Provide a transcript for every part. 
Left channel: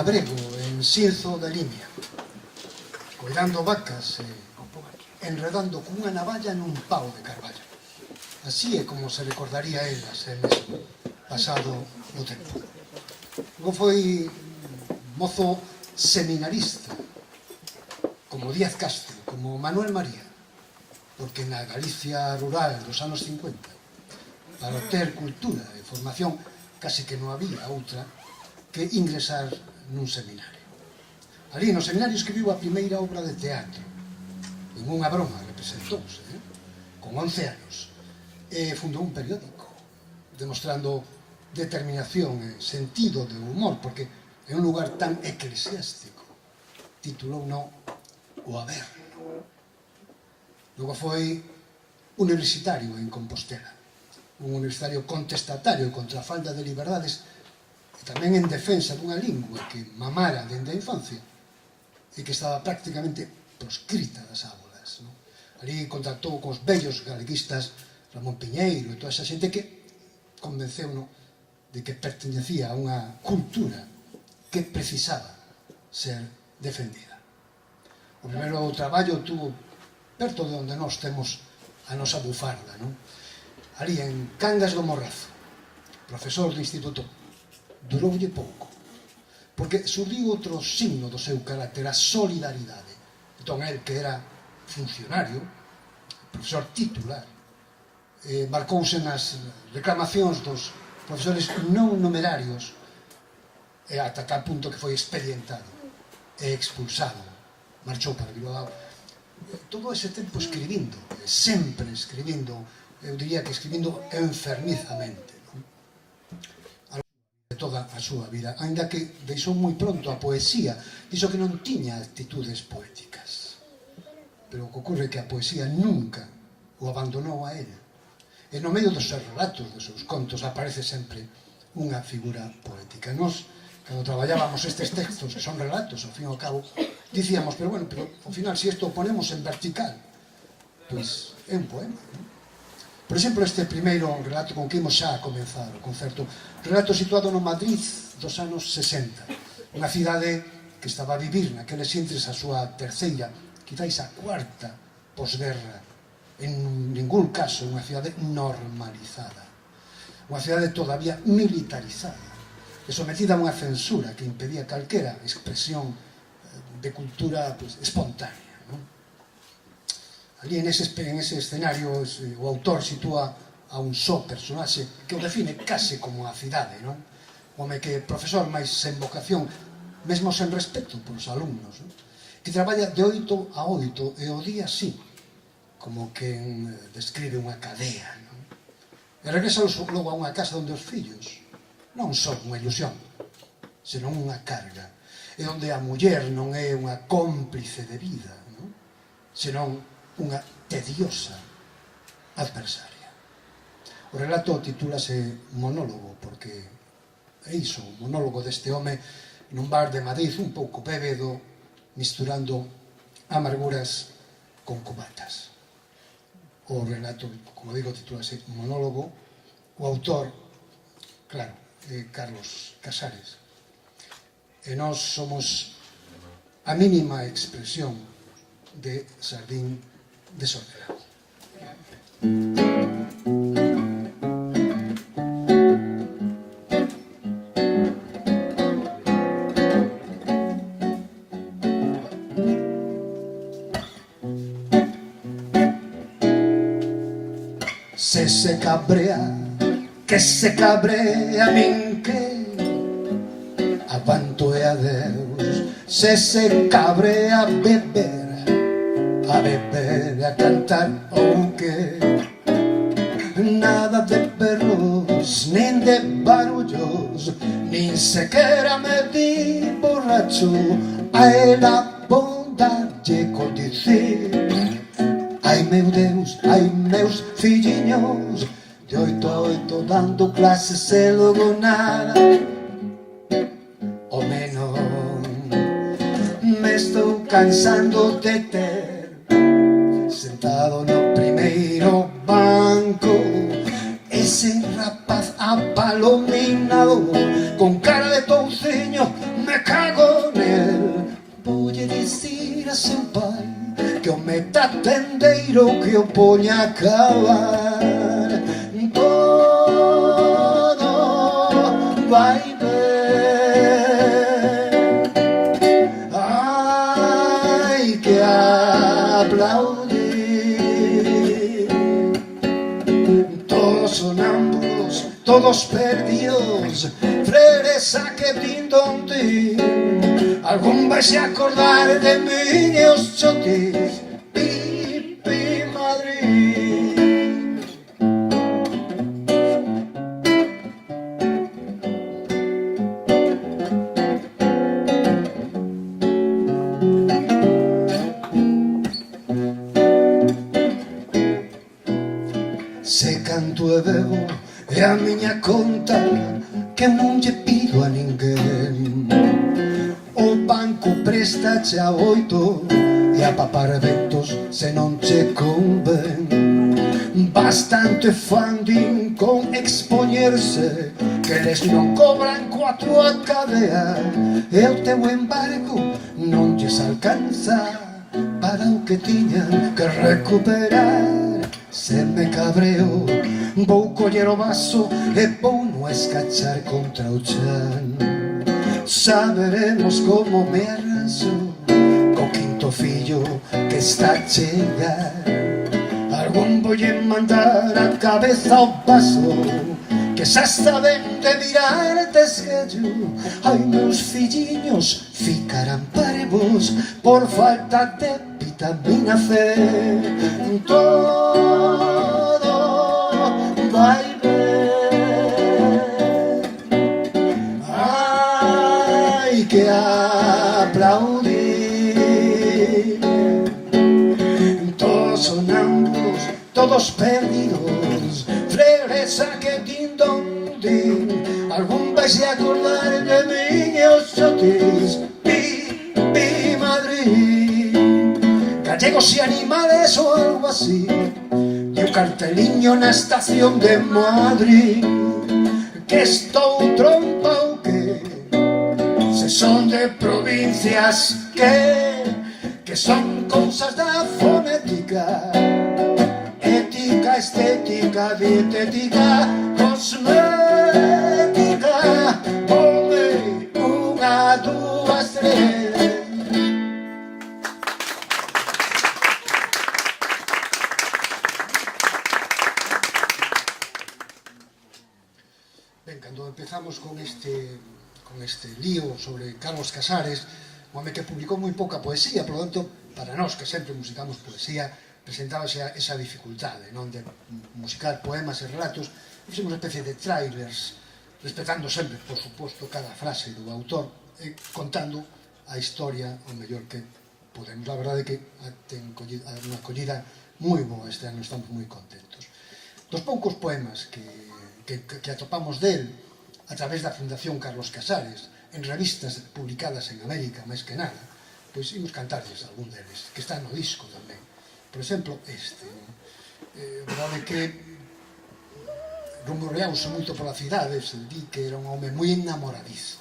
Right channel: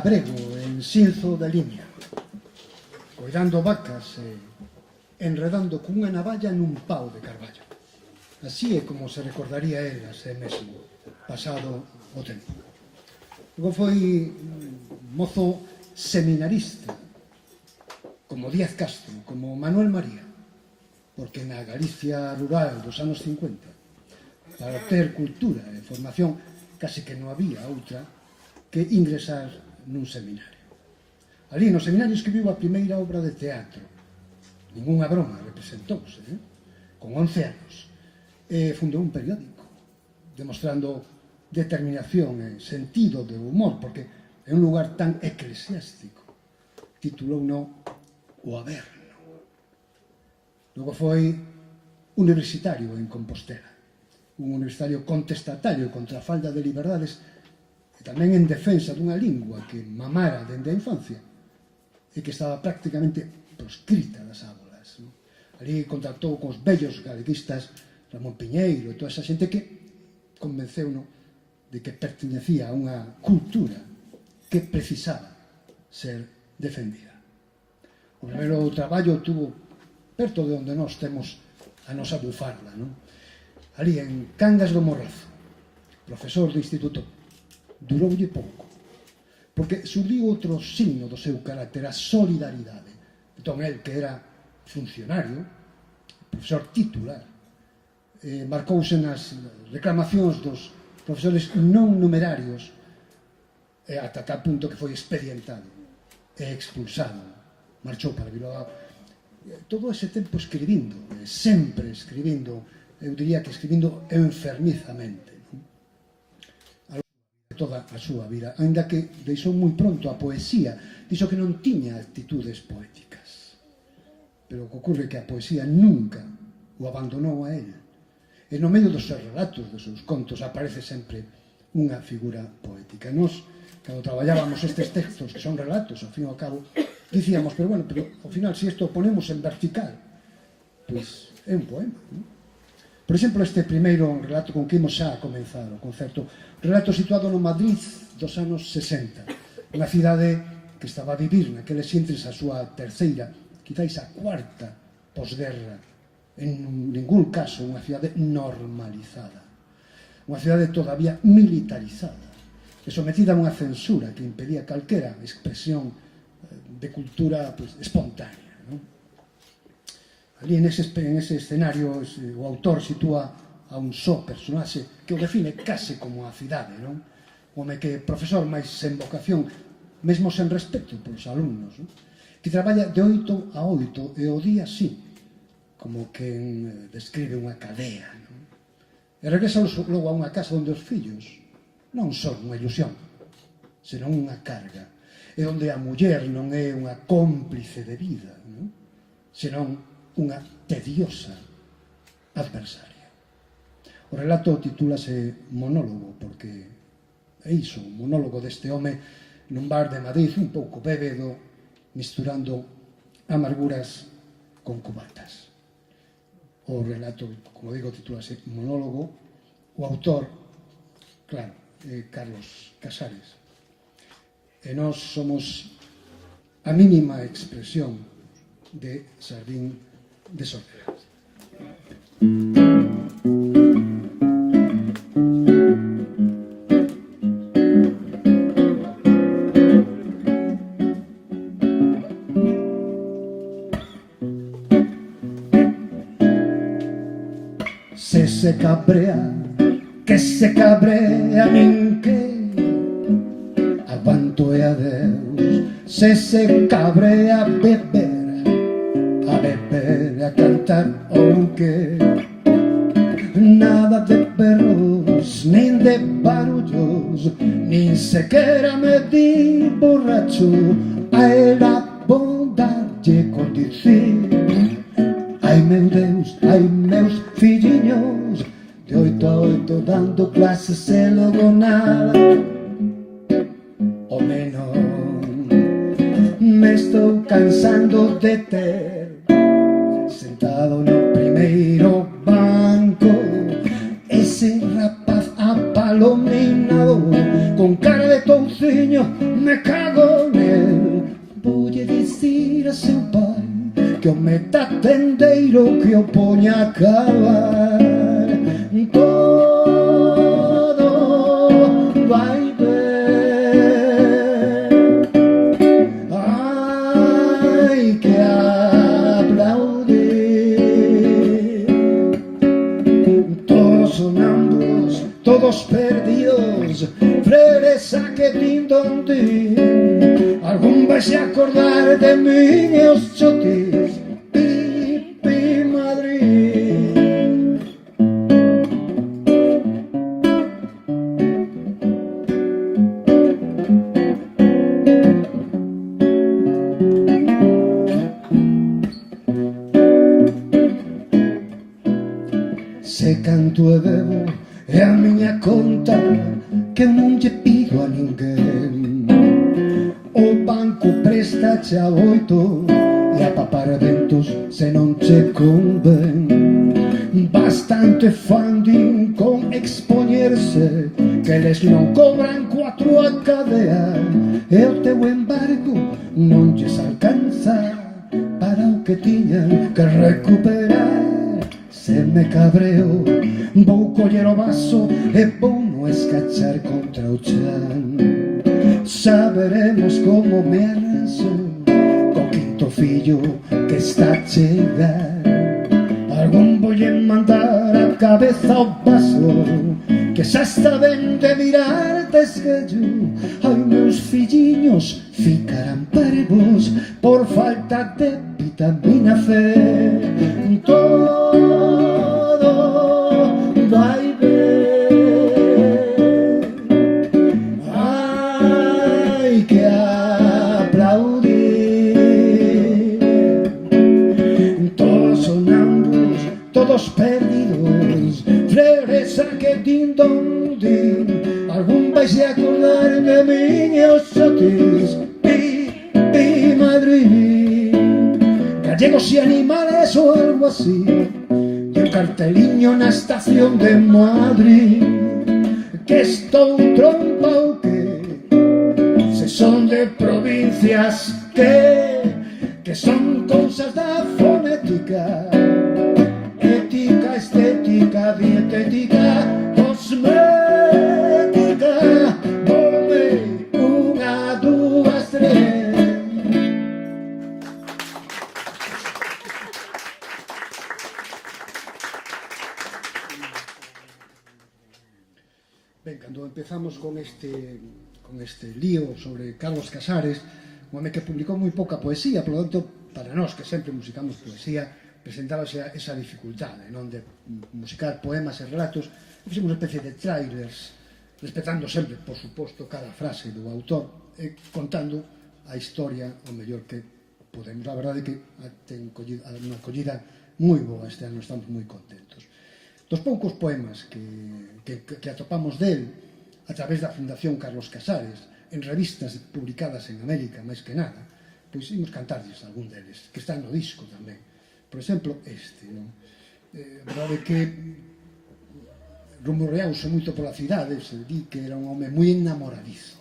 labrego en Sinzo de Limia, coidando vacas e enredando cunha navalla nun pau de carballo. Así é como se recordaría el a ser mesmo, pasado o tempo. Logo foi mozo seminarista, como Díaz Castro, como Manuel María, porque na Galicia rural dos anos 50, para obter cultura e formación, casi que non había outra que ingresar nun seminario. Ali no seminario escribiu a primeira obra de teatro, en unha broma representouse, con 11 anos, e fundou un periódico, demostrando determinación e sentido de humor, porque é un lugar tan eclesiástico, titulou no O Averno. Logo foi universitario en Compostela, un universitario contestatario contra a falta de liberdades e tamén en defensa dunha lingua que mamara dende a infancia e que estaba prácticamente proscrita das aulas. Ali contactou cos vellos galeguistas Ramón Piñeiro e toda esa xente que convenceu-no de que pertenecía a unha cultura que precisaba ser defendida. O primeiro traballo tuvo perto de onde nós temos a nosa bufarda, ali en Cangas do Morrazo, profesor do instituto. Duroulle pouco, porque surdiu outro signo do seu carácter, a solidaridade. Entón, el, que era funcionario, profesor titular, marcouse nas reclamacións dos profesores non numerarios, ata tal punto que foi expedientado e expulsado. Marchou para Bilbao. Todo ese tempo escribindo, sempre escribindo, eu diría que escribindo enfermizamente, toda a súa vida, ainda que deixou moi pronto a poesía, dixo que non tiña actitudes poéticas, pero o que ocorre é que a poesía nunca o abandonou a él, e no medio dos seus relatos, dos seus contos, aparece sempre unha figura poética. Nos, cando traballábamos estes textos, que son relatos, ao fin e ao cabo, dicíamos, pero bueno, pero ao final, se isto o ponemos en vertical, pois é un poema, non? Por exemplo, este primeiro relato con que imos xa a comenzar o concerto, relato situado no Madrid dos anos 60, unha cidade que estaba a vivir naqueles intres a súa terceira, quizáis a cuarta posguerra, en ningún caso unha cidade normalizada, unha cidade todavía militarizada, e sometida a unha censura que impedía calquera expresión de cultura espontánea. Ali en ese escenario o autor sitúa a un só personaxe que o define case como a cidade, non? O home que profesor máis sen vocación, mesmo sen respeto polos alumnos, que traballa de 8 a 8 e o día así, como quen describe unha cadea, non? E regresa logo a unha casa onde os fillos non son unha ilusión, senón unha carga, e onde a muller non é unha cómplice de vida, non? Senón unha tediosa adversaria. O relato titúlase Monólogo, porque é iso, o monólogo deste home nun bar de Madrid un pouco bébedo, misturando amarguras con cubatas. O relato, como digo, titúlase Monólogo. O autor, claro, é Carlos Casares. E nós somos a mínima expresión de Sardín de Soledad. Se cabrea, que se cabrea min que aguanto e adeus. Se cabrea a beber, a cantar ou que nada de perros, nin de barullos, nin sequera me di borracho. A era bondalle con dicir: ai meu Deus, ai meus filliños, de 8 a 8 dando clases e logo nada. O menos me estou cansando de ter sentado no primeiro banco ese rapaz apalominado con cara de touciño. Me cago poña a acabar, todo vai ben. Hai que aplaudir. Todos sonámbulos, todos perdidos, freresa que brindan ti. Algún vais a acordar de mí e os chotis. Pipi Madrid. Se canto e bebo é a miña conta, que non lle pido a ninguén. O banco préstache a 8 e a papar ventos se non che convén. Bastante funding con expoñerse, que eles non cobran coa túa cadea, e o teu embargo non lles alcanza para o que tiñan que recuperar. Se me cabreo, vou coller o vaso e vou no escachar contra o chan. Xa veremos como me arraso co quinto fillo que está a chegar. Algún volle mandar a cabeza ao vaso, que xa está ben de virar desgallo. Ai, meus filliños ficarán parvos por falta de vitamina C. Todo vai ben. Hai que aplaudir. Todos sonámbulos, todos perdidos, freresa que din don din. Algún vais a acordar de mí e os chotis. Pipi Madrid. Gallegos e animales ou algo así, e un carteliño na estación de Madrid, que estou trompa ou que, se son de provincias que son cousas da fonética, ética, estética, dietética, cosmética. Ponme unha, dúas, tres. Ben, cando empezamos con este lío sobre Carlos Casares, un home que publicou moi pouca poesía, por lo tanto, para nós que sempre musicamos poesía, presentaba esa dificultade, non, de musicar poemas e relatos. Fixemos unha especie de trailers, respetando sempre, por suposto, cada frase do autor, e contando a historia o mellor que podemos. A verdade é que ten unha acollida moi boa este ano, estamos moi contentos. Dos poucos poemas que atopamos del a través da Fundación Carlos Casares, en revistas publicadas en América, máis que nada, pois imos cantarles algún deles, que están no disco tamén. Por exemplo, este, verdade que rumoreouse moito pola cidade, se di que era un home moi enamoradizo,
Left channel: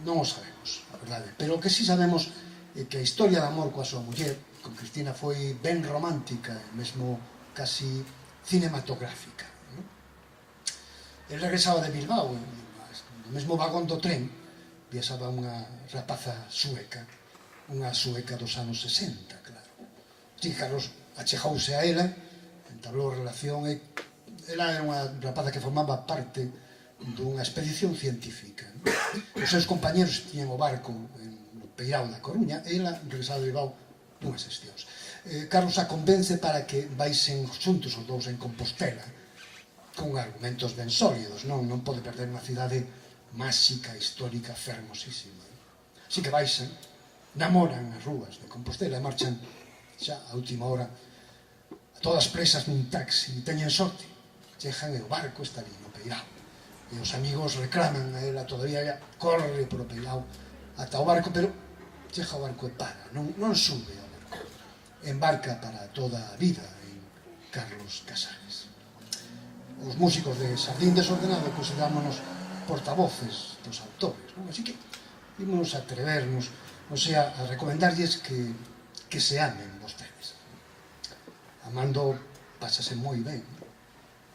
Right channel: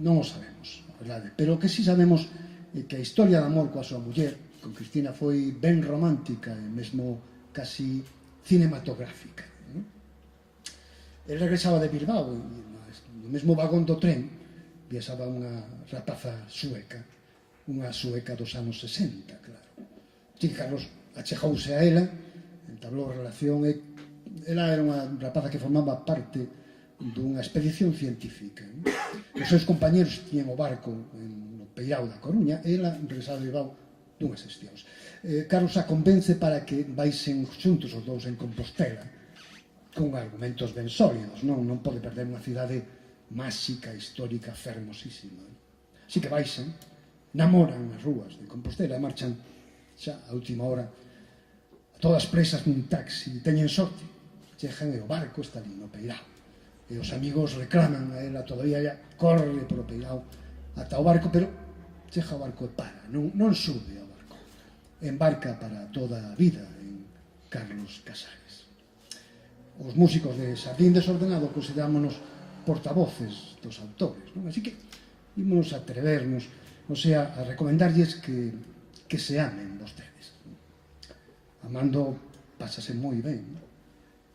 non o sabemos, a verdade, pero o que si sabemos é que a historia de amor coa súa muller, con Cristina, foi ben romántica e mesmo casi cinematográfica. El regresaba de Bilbao, no mesmo vagón do tren viaxaba unha rapaza sueca, unha sueca dos anos 60, claro. Así que Carlos achegouse a ela, entablou a relación, e ela era unha rapaza que formaba parte dunha expedición científica. Os seus compañeros tiñan o barco no Peirao da Coruña, e ela regresaba de Bilbao dunhas sesións. Carlos a convence para que vaisen xuntos os dous en Compostela, con argumentos ben sólidos, non pode perder unha cidade máxica, histórica, fermosísima. Así que baixan, namoran as rúas de Compostela e marchan xa a última hora, a todas presas nun taxi, e teñen sorte, chegan e o barco está ali no Peirao. E os amigos reclaman a ela, todavía ella corre por o Peirao ata o barco, pero chega o barco e para, non sube ao barco. Embarca para toda a vida en Carlos Casares. Os músicos de Xardín Desordenado considerámonos portavoces dos autores, non? Así que ímonos a atrevernos, a recomendarlles que se amen vostedes. Amando pásase moi ben.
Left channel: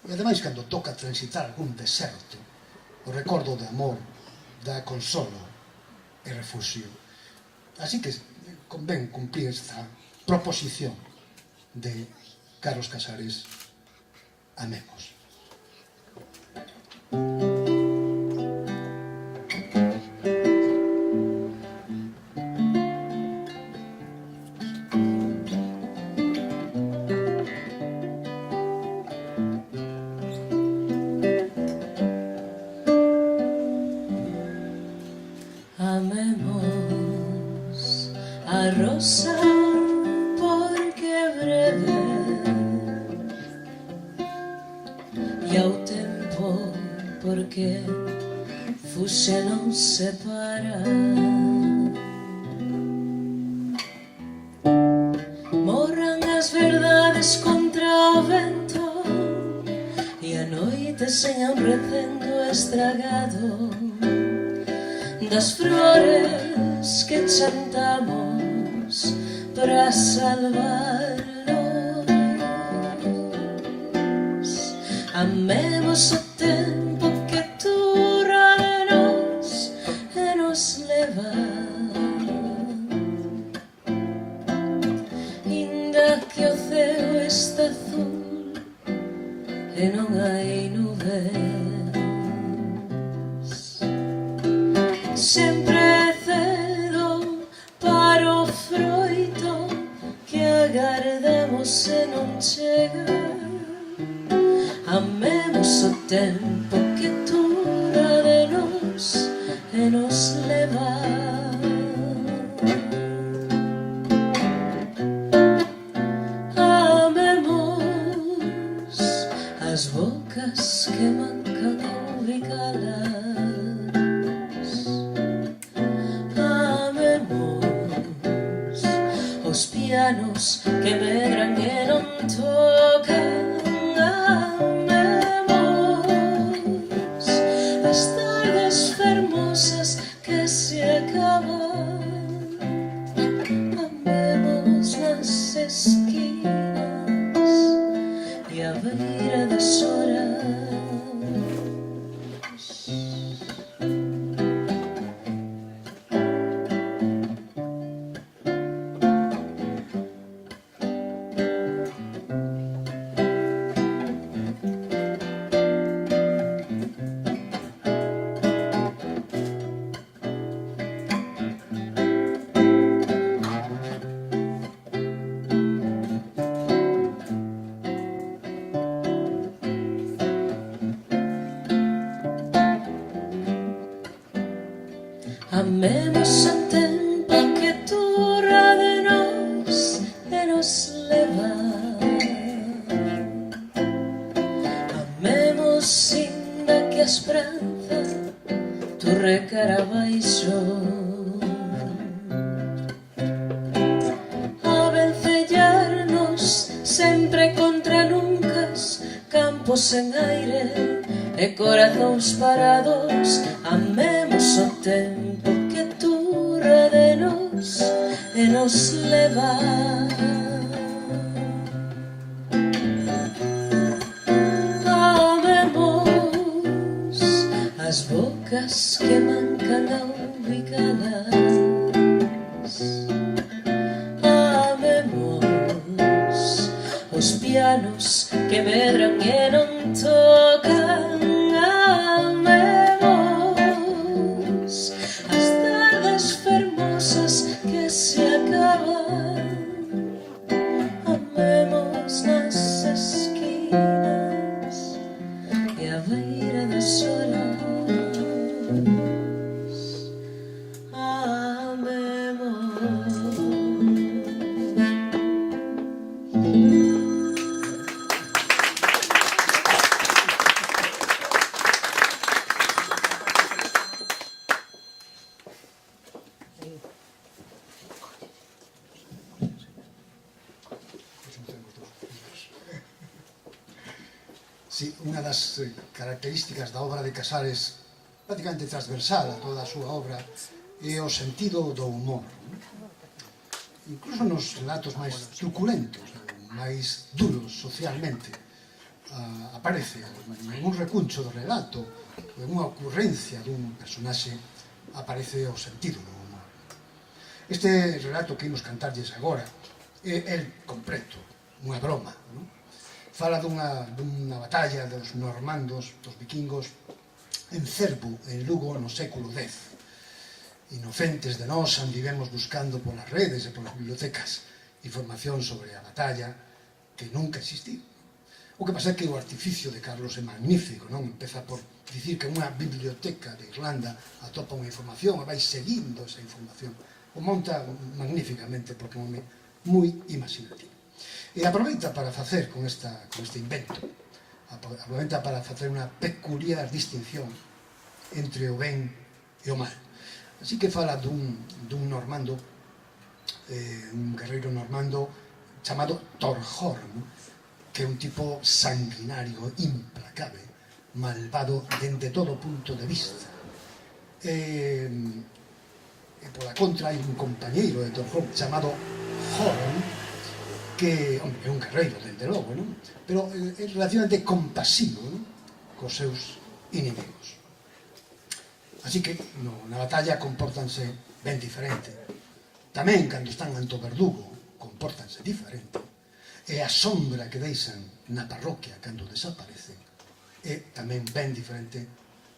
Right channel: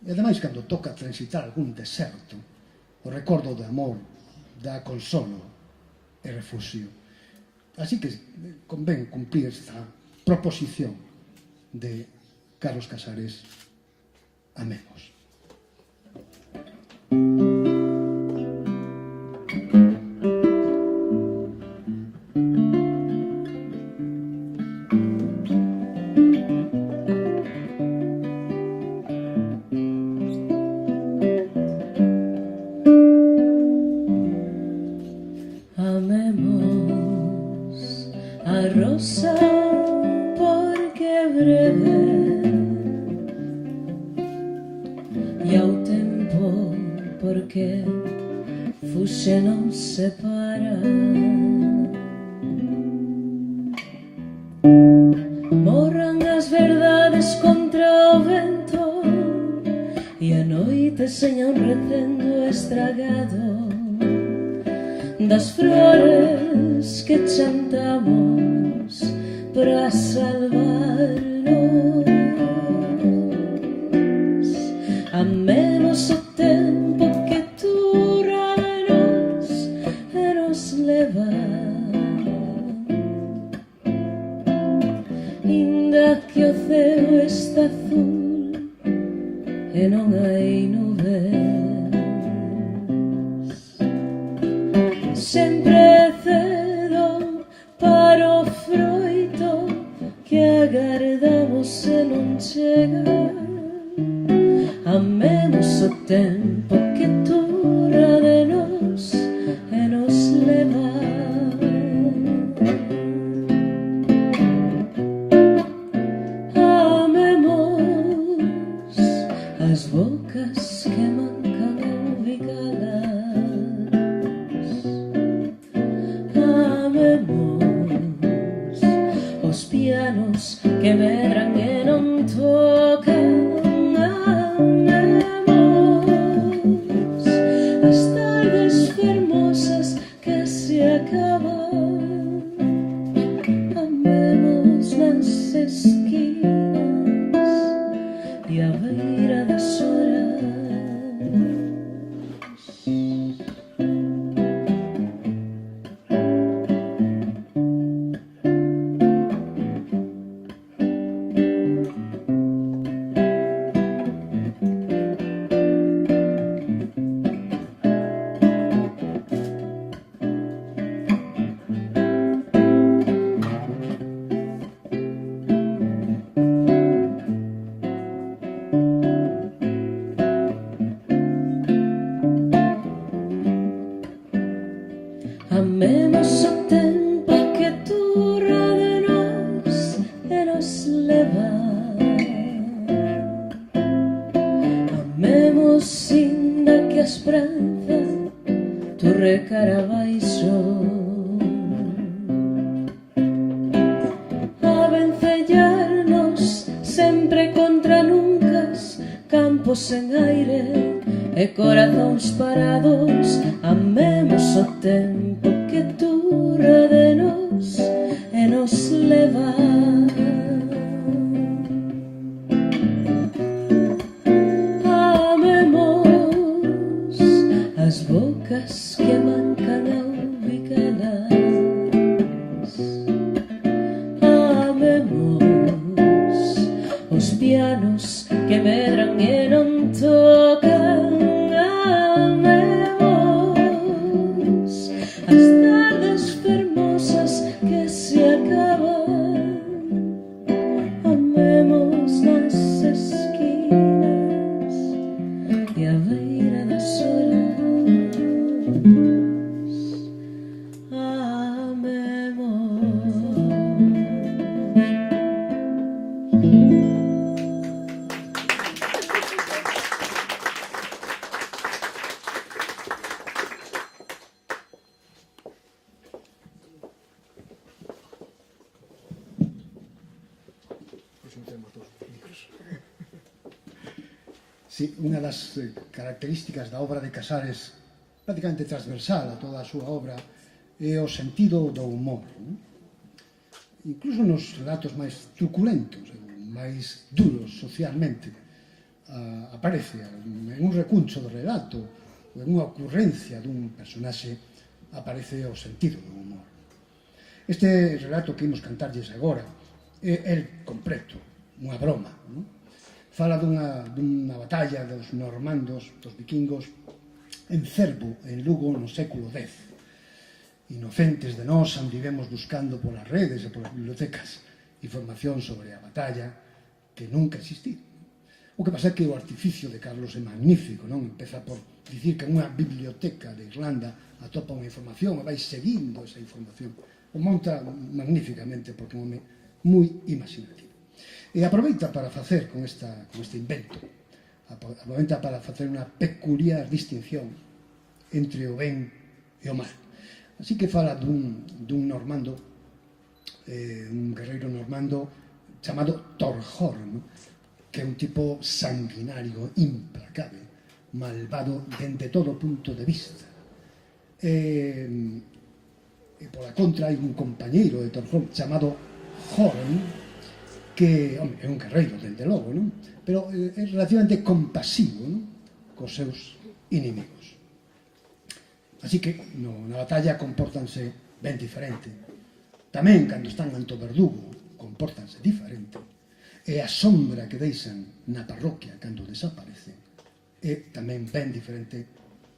E ademais, cando toca transitar algún deserto, o recordo de amor dá consolo e refugio. Así que convén cumplir esta proposición de Carlos Casares. Amemos. Amemos a rosa porque é breve e ao tempo porque fuxe non separa. Morran as verdades contra o vento e a noite sen recendo estragado das flores que chantamos para salvarnos. Amemos o tempo que dura de nós e nos leva, inda que o ceo está azul e non hai nubes. Sempre é cedo para o froito que agardamos e non chega. Amemos o tempo que dura de nós e nos leva. Amemos as bocas que mancan ao bicalas. Os pianos que medran e non tocan. Amemos as tardes fermosas que se acaban. Amemos nas esquinas e a beira das horas. Amemos o tempo que dura de nós e nos leva. Amemos inda que a esperanza torre cara abaixo. A vencellarnos sempre contra nuncas, campos sen aire e corazóns parados. Amemos o tempo que dura de nós e nos leva. Amemos as bocas que mancan ao bicalas. Amemos os pianos que medran e non tocan. Amemos as tardes fermosas que se acaban. Amemos nas esquinas e a beira das horas. Sí, unha das características da obra de Casares, prácticamente transversal a toda a súa obra, é o sentido do humor. Incluso nos relatos máis truculentos, o máis duros socialmente, aparece en un recuncho do relato, en unha ocurrencia dun personaxe, aparece o sentido do humor. Este relato que imos cantarlles agora é completo, unha broma, non? Fala dunha batalla dos normandos, dos vikingos, en Cervo, en Lugo, no século X. Inocentes de nós andivemos buscando polas redes e polas bibliotecas información sobre a batalla que nunca existiu. O que pasa é que o artificio de Carlos é magnífico, non? Empeza por dicir que unha biblioteca de Irlanda atopa unha información e vai seguindo esa información. O monta magníficamente porque é un home moi imaginativo. E aproveita para facer con este invento, aproveita para facer unha peculiar distinción entre o ben e o mal. Así que fala dun normando, un guerreiro normando chamado Torhorn, que é un tipo sanguinario, implacable, malvado dende todo punto de vista. E pola contra hai un compañeiro de Torhorn chamado Horn, que é un guerreiro, dende logo, non? Pero é relativamente compasivo, non? Cos seus inimigos. Así que na batalla compórtanse ben diferente. Tamén, cando están ante o verdugo, compórtanse diferente. E a sombra que deixan na parroquia cando desaparecen é tamén ben diferente,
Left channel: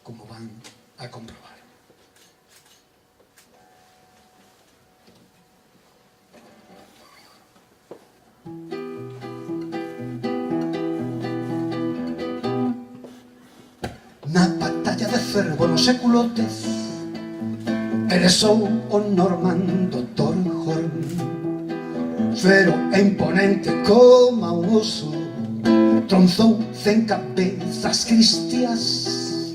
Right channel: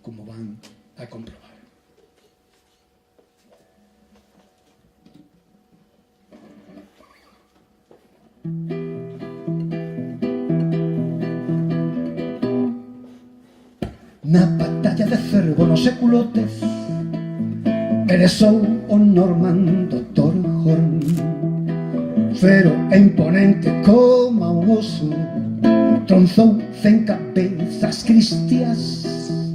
como van a comprobar. Na batalla de Cervo no século X eresou o normando Torhorn, fero e imponente como un oso, tronzou 100 cabezas cristias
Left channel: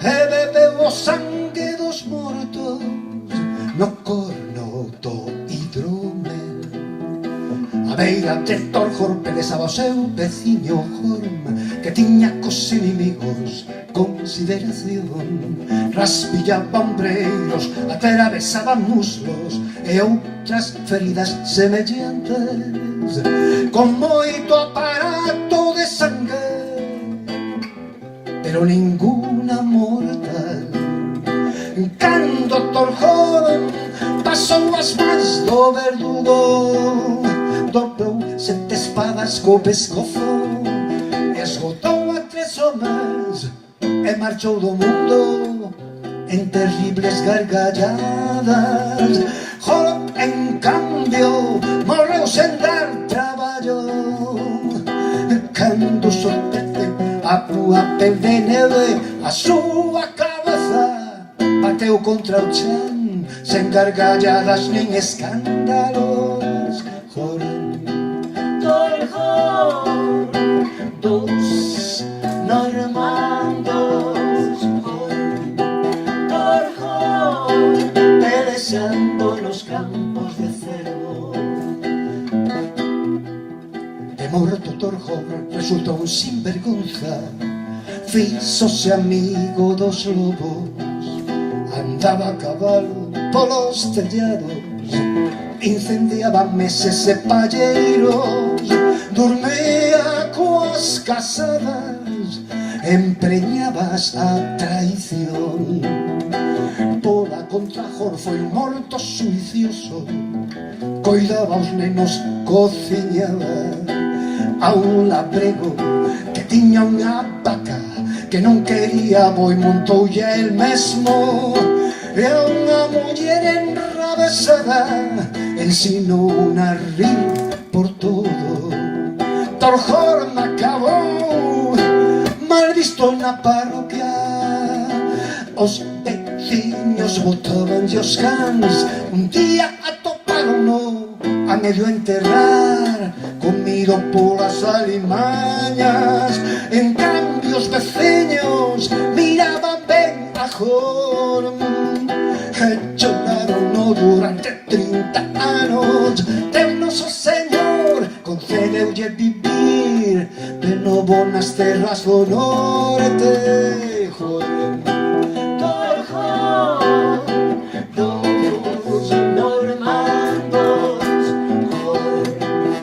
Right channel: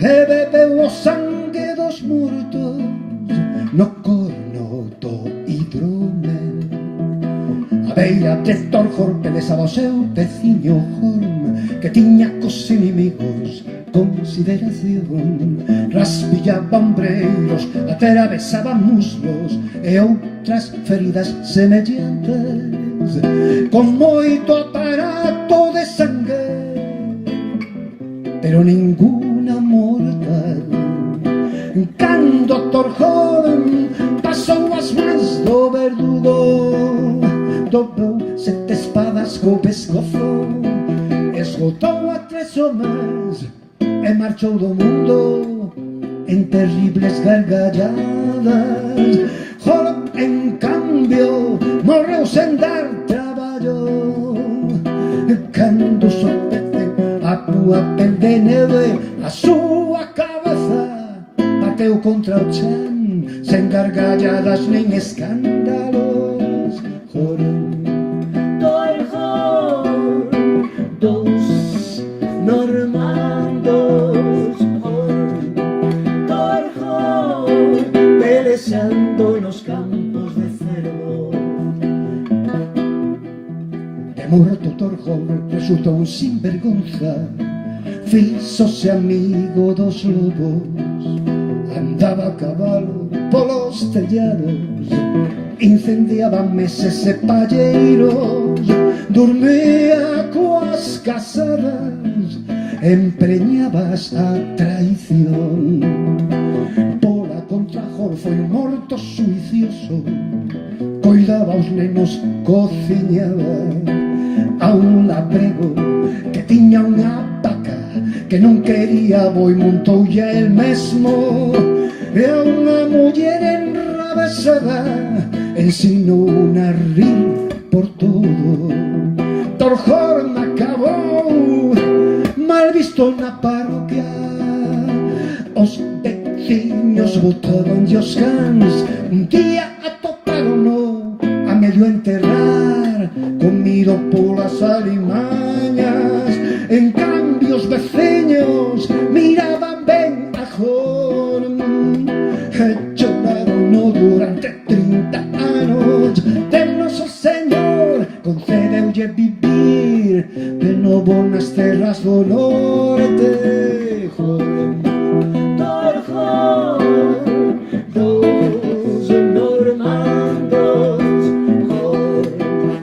e bebeu o sangue dos mortos no corno do hidromel. A beira de Torhorn pelesaba o seu veciño Horm, que tiña cos inimigos consideración. Raspillaba ombreiros, atravesaba muslos e outras feridas semellantes, con moito aparato de sangue, pero ninguna mortal. Cando Torhorn pasou as mans do verdugo, dobrou 7 espadas co pescozo, esgotou a 3 homes e marchou do mundo en terribles gargalladas. Horn, en cambio, morreu sen dar traballo. Cando sopete a túa pel de neve, a súa cabeza bateu contra o chan, sen gargalladas nen escándalos. Horn, Torhorn, dos normandos, Torhorn, pelexando nos campos de Cervo. De morto Torhorn resultou un sinvergonza, fíxose amigo dos lobos, andaba a cabalo polos tellados, incendiaba meses e palleiros, dormía coas casadas, empreñabas a traición. Pola contra Horn foi un morto suicioso, coidaba os nenos, cociñaba a un labrego que tiña unha vaca que non quería boi, montoulle el mesmo, e a unha muller enrabesada ensinou a rir por todo. Torhorn acabou mal visto na parroquia, os veciños botaban os cans. Un día atopárono a medio enterrar, comido polas alimañas. En cambio os veciños miraban ben a Horn e choraron durante 30 anos. Deus noso Señor concedeulle vivir de novo nas terras do norte. Horn, Torhorn, dos normandos, Horn,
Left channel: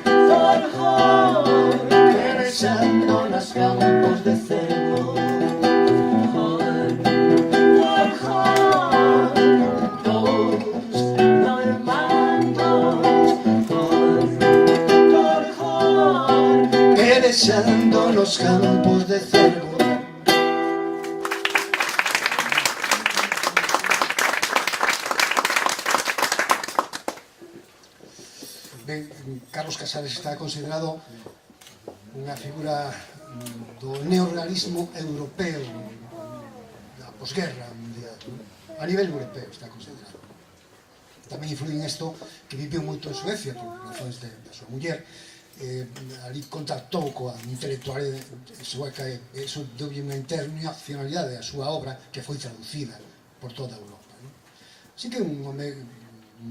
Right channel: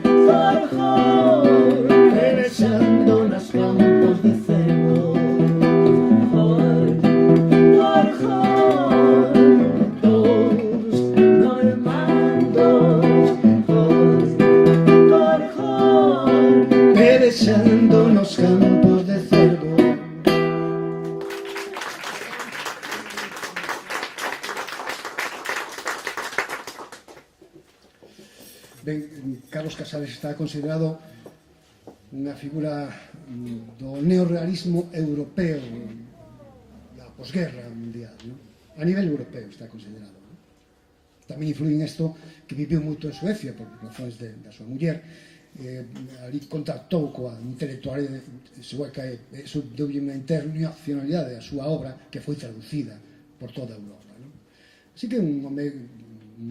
Torhorn, los campos de cervo. Ben, Carlos Casares está considerado unha figura do neorrealismo europeo da posguerra mundial, ¿no? A nivel europeo está considerado. Tamén influye en isto que viviu moito en Suecia por razóns da súa muller. Ali contactou coa intelectualidade sueca e iso deulle unha internacionalidade a súa obra que foi traducida por toda Europa, ¿no? Así que un home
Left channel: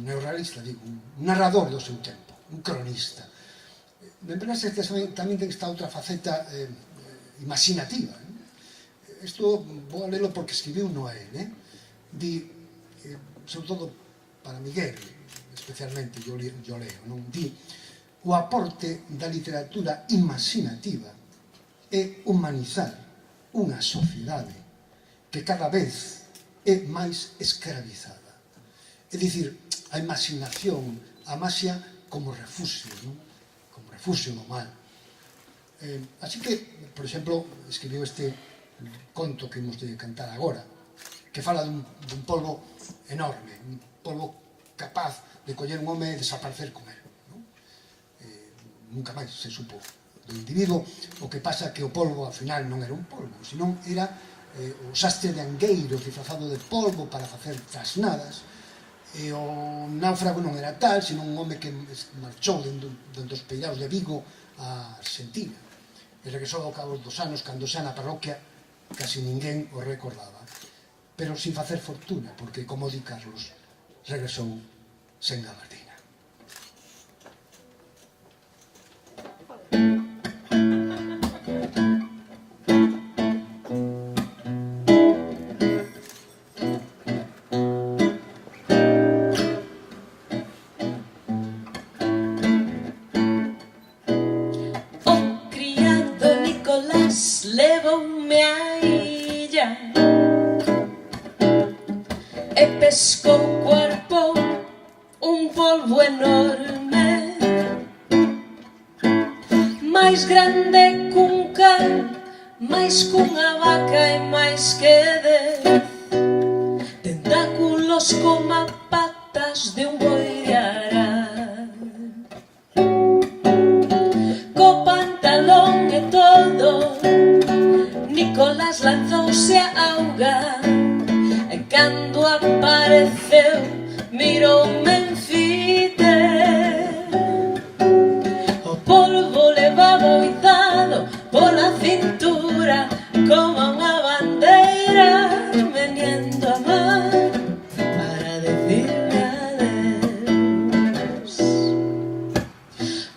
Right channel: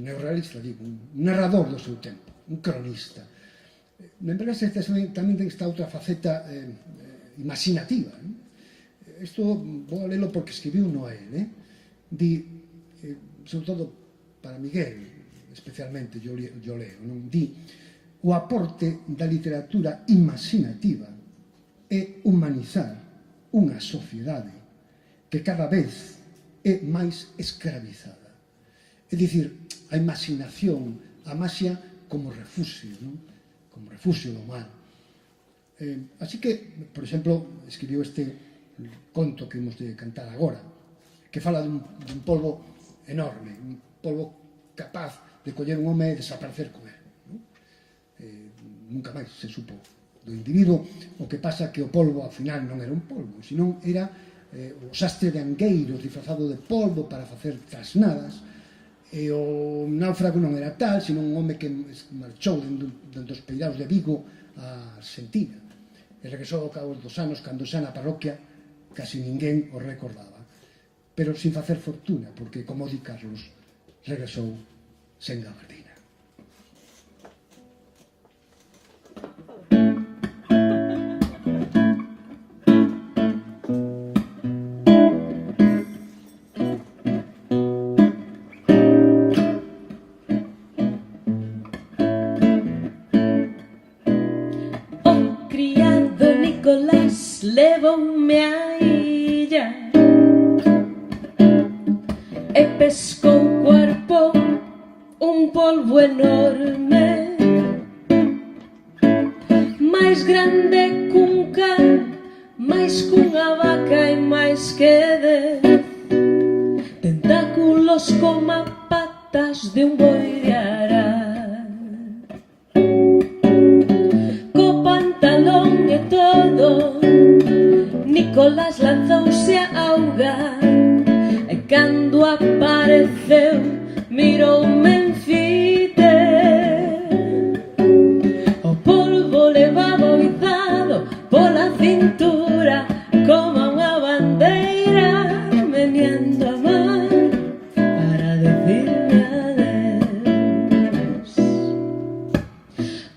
neorrealista, digo, un narrador do seu tempo, un cronista. Membrase tamén ten esta outra faceta imaginativa, ¿no? Isto vou a lelo porque escribiu Noé, ¿no? Di, sobre todo para Miguel, especialmente, yo leo, non? Di, o aporte da literatura imaginativa é humanizar unha sociedade que cada vez é máis escravizada. É dicir, a imaginación, a maxia como refugio, non? Como refugio do mal. Así que, por exemplo, escribiu este conto que imos de cantar agora, que fala dun polvo enorme, un polvo capaz de coller un home e desaparecer con él, non? Nunca máis se supo do individuo. O que pasa que o polvo, ao final, non era un polvo, senón era o sastre de Angueiro disfrazado de polvo para facer trasnadas. E o náufrago non era tal, senón un home que marchou dos peiraos de Vigo a Argentina. E regresou ao cabo dos anos, cando xa na parroquia casi ninguén o recordaba. Pero sin facer fortuna, porque, como di Carlos, regresou sen gabardina. Levoume á illa e pescou o cuerpo un polvo enorme, máis grande cun can, máis cunha vaca e máis que 10 tentáculos como patas de un boi de arán, co pantalón e todo. Nicolás lanzouse a auga e cando apareceu miroume en fite. O polvo levaba o izado pola cintura como unha bandeira, meneando a man para decirme adeus.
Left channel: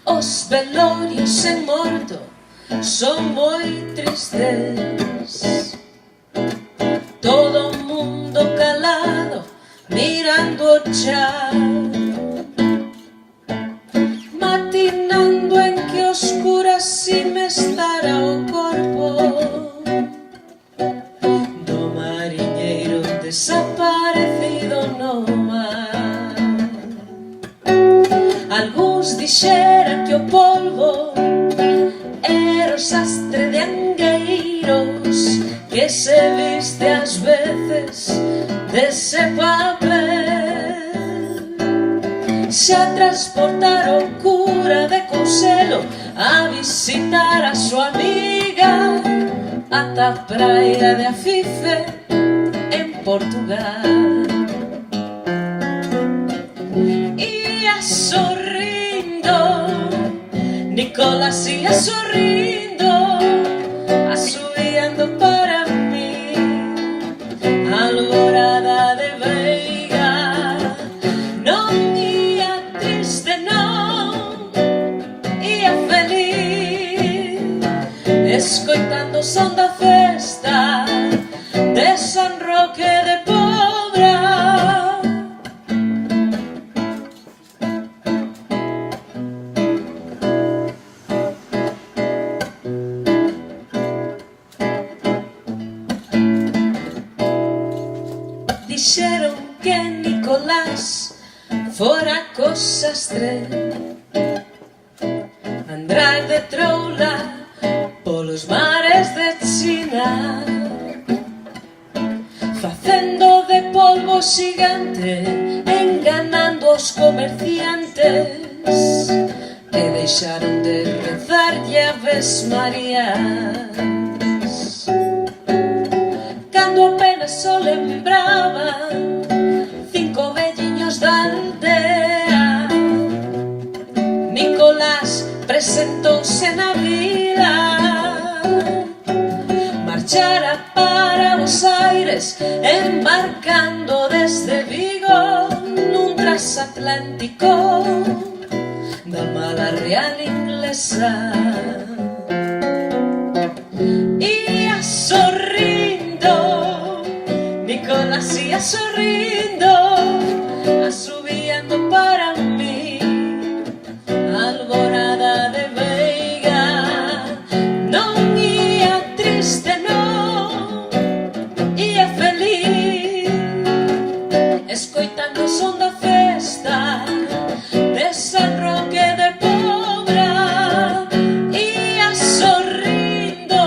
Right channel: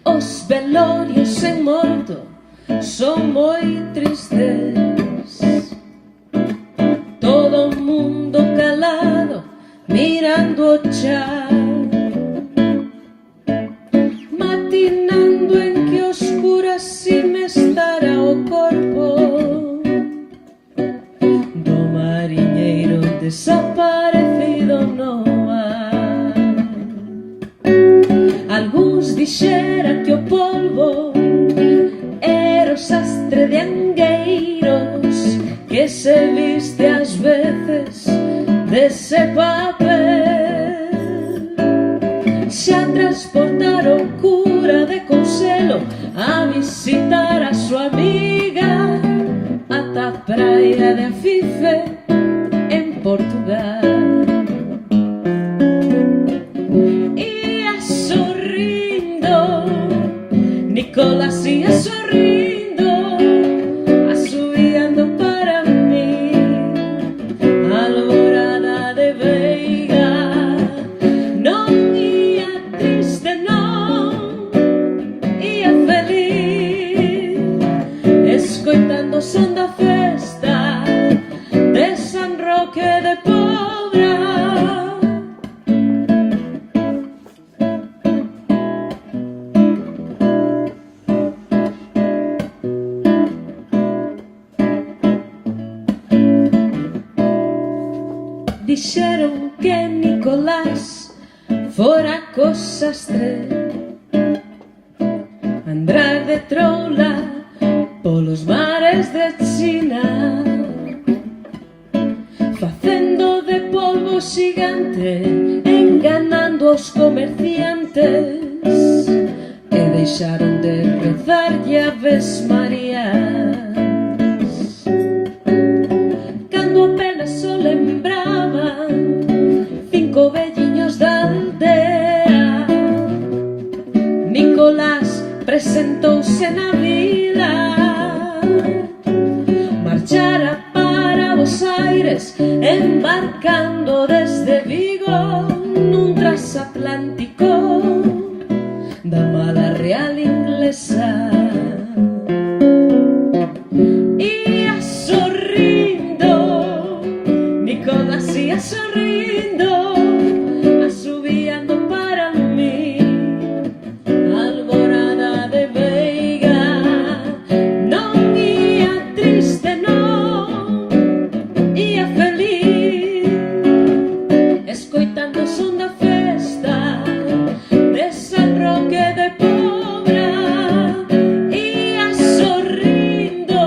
Os velorios en morto son moi tristes, todo o mundo calado mirando o chao, matinando en que oscura si me estará o corpo do mariñeiro desaparecido no mar. Algúns dixeran que o polvo o sastre de Angueiros que se viste ás veces dese papel. Xa transportaron cura de Conselo a visitar a súa amiga ata a praia de Afife en Portugal. Ia sorrindo, Nicolás ia sorrindo, asubiando para mí alborada de veiga. Non ia triste, non, ia feliz, escoitando o son da festa de San Roque de Pobra. Dixeron que Nicolás fora co sastre andar de troula polos mares de China, facendo de polvo xigante, enganando os comerciantes que deixaron de rezarlle Aves Marías. Cando apenas o lembraban 5 velliños da aldea, Nicolás presentouse na vila, marchara para Buenos Aires, embarcando desde Vigo nun transatlántico da mala real inglesa. Ia sorrindo, Nicolás ia sorrindo, asubiando para mí, Alborada de Veiga. Non ia triste, non, ia feliz, escoitando o son da festa de San Roque de Pobra. Ia sorrindo,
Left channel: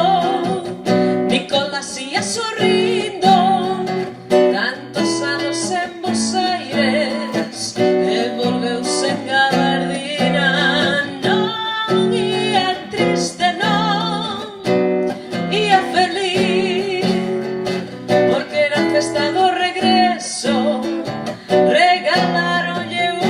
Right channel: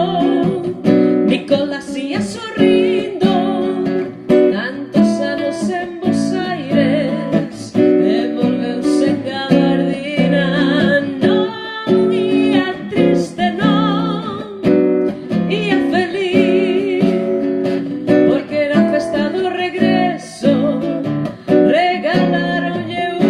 Nicolás ia sorrindo, tantos anos en Buenos Aires e volveuse en gabardina. Non ia triste, non, ia feliz, porque era festa do regreso, regalaronlle unha.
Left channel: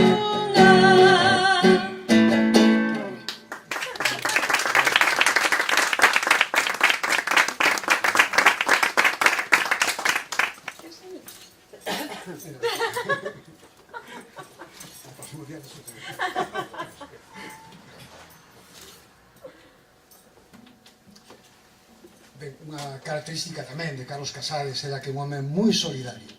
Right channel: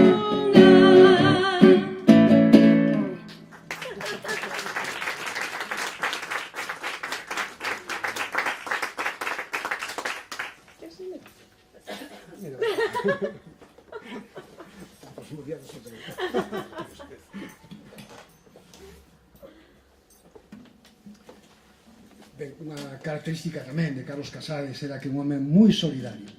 Ben, unha característica tamén de Carlos Casares era que un home moi solidario,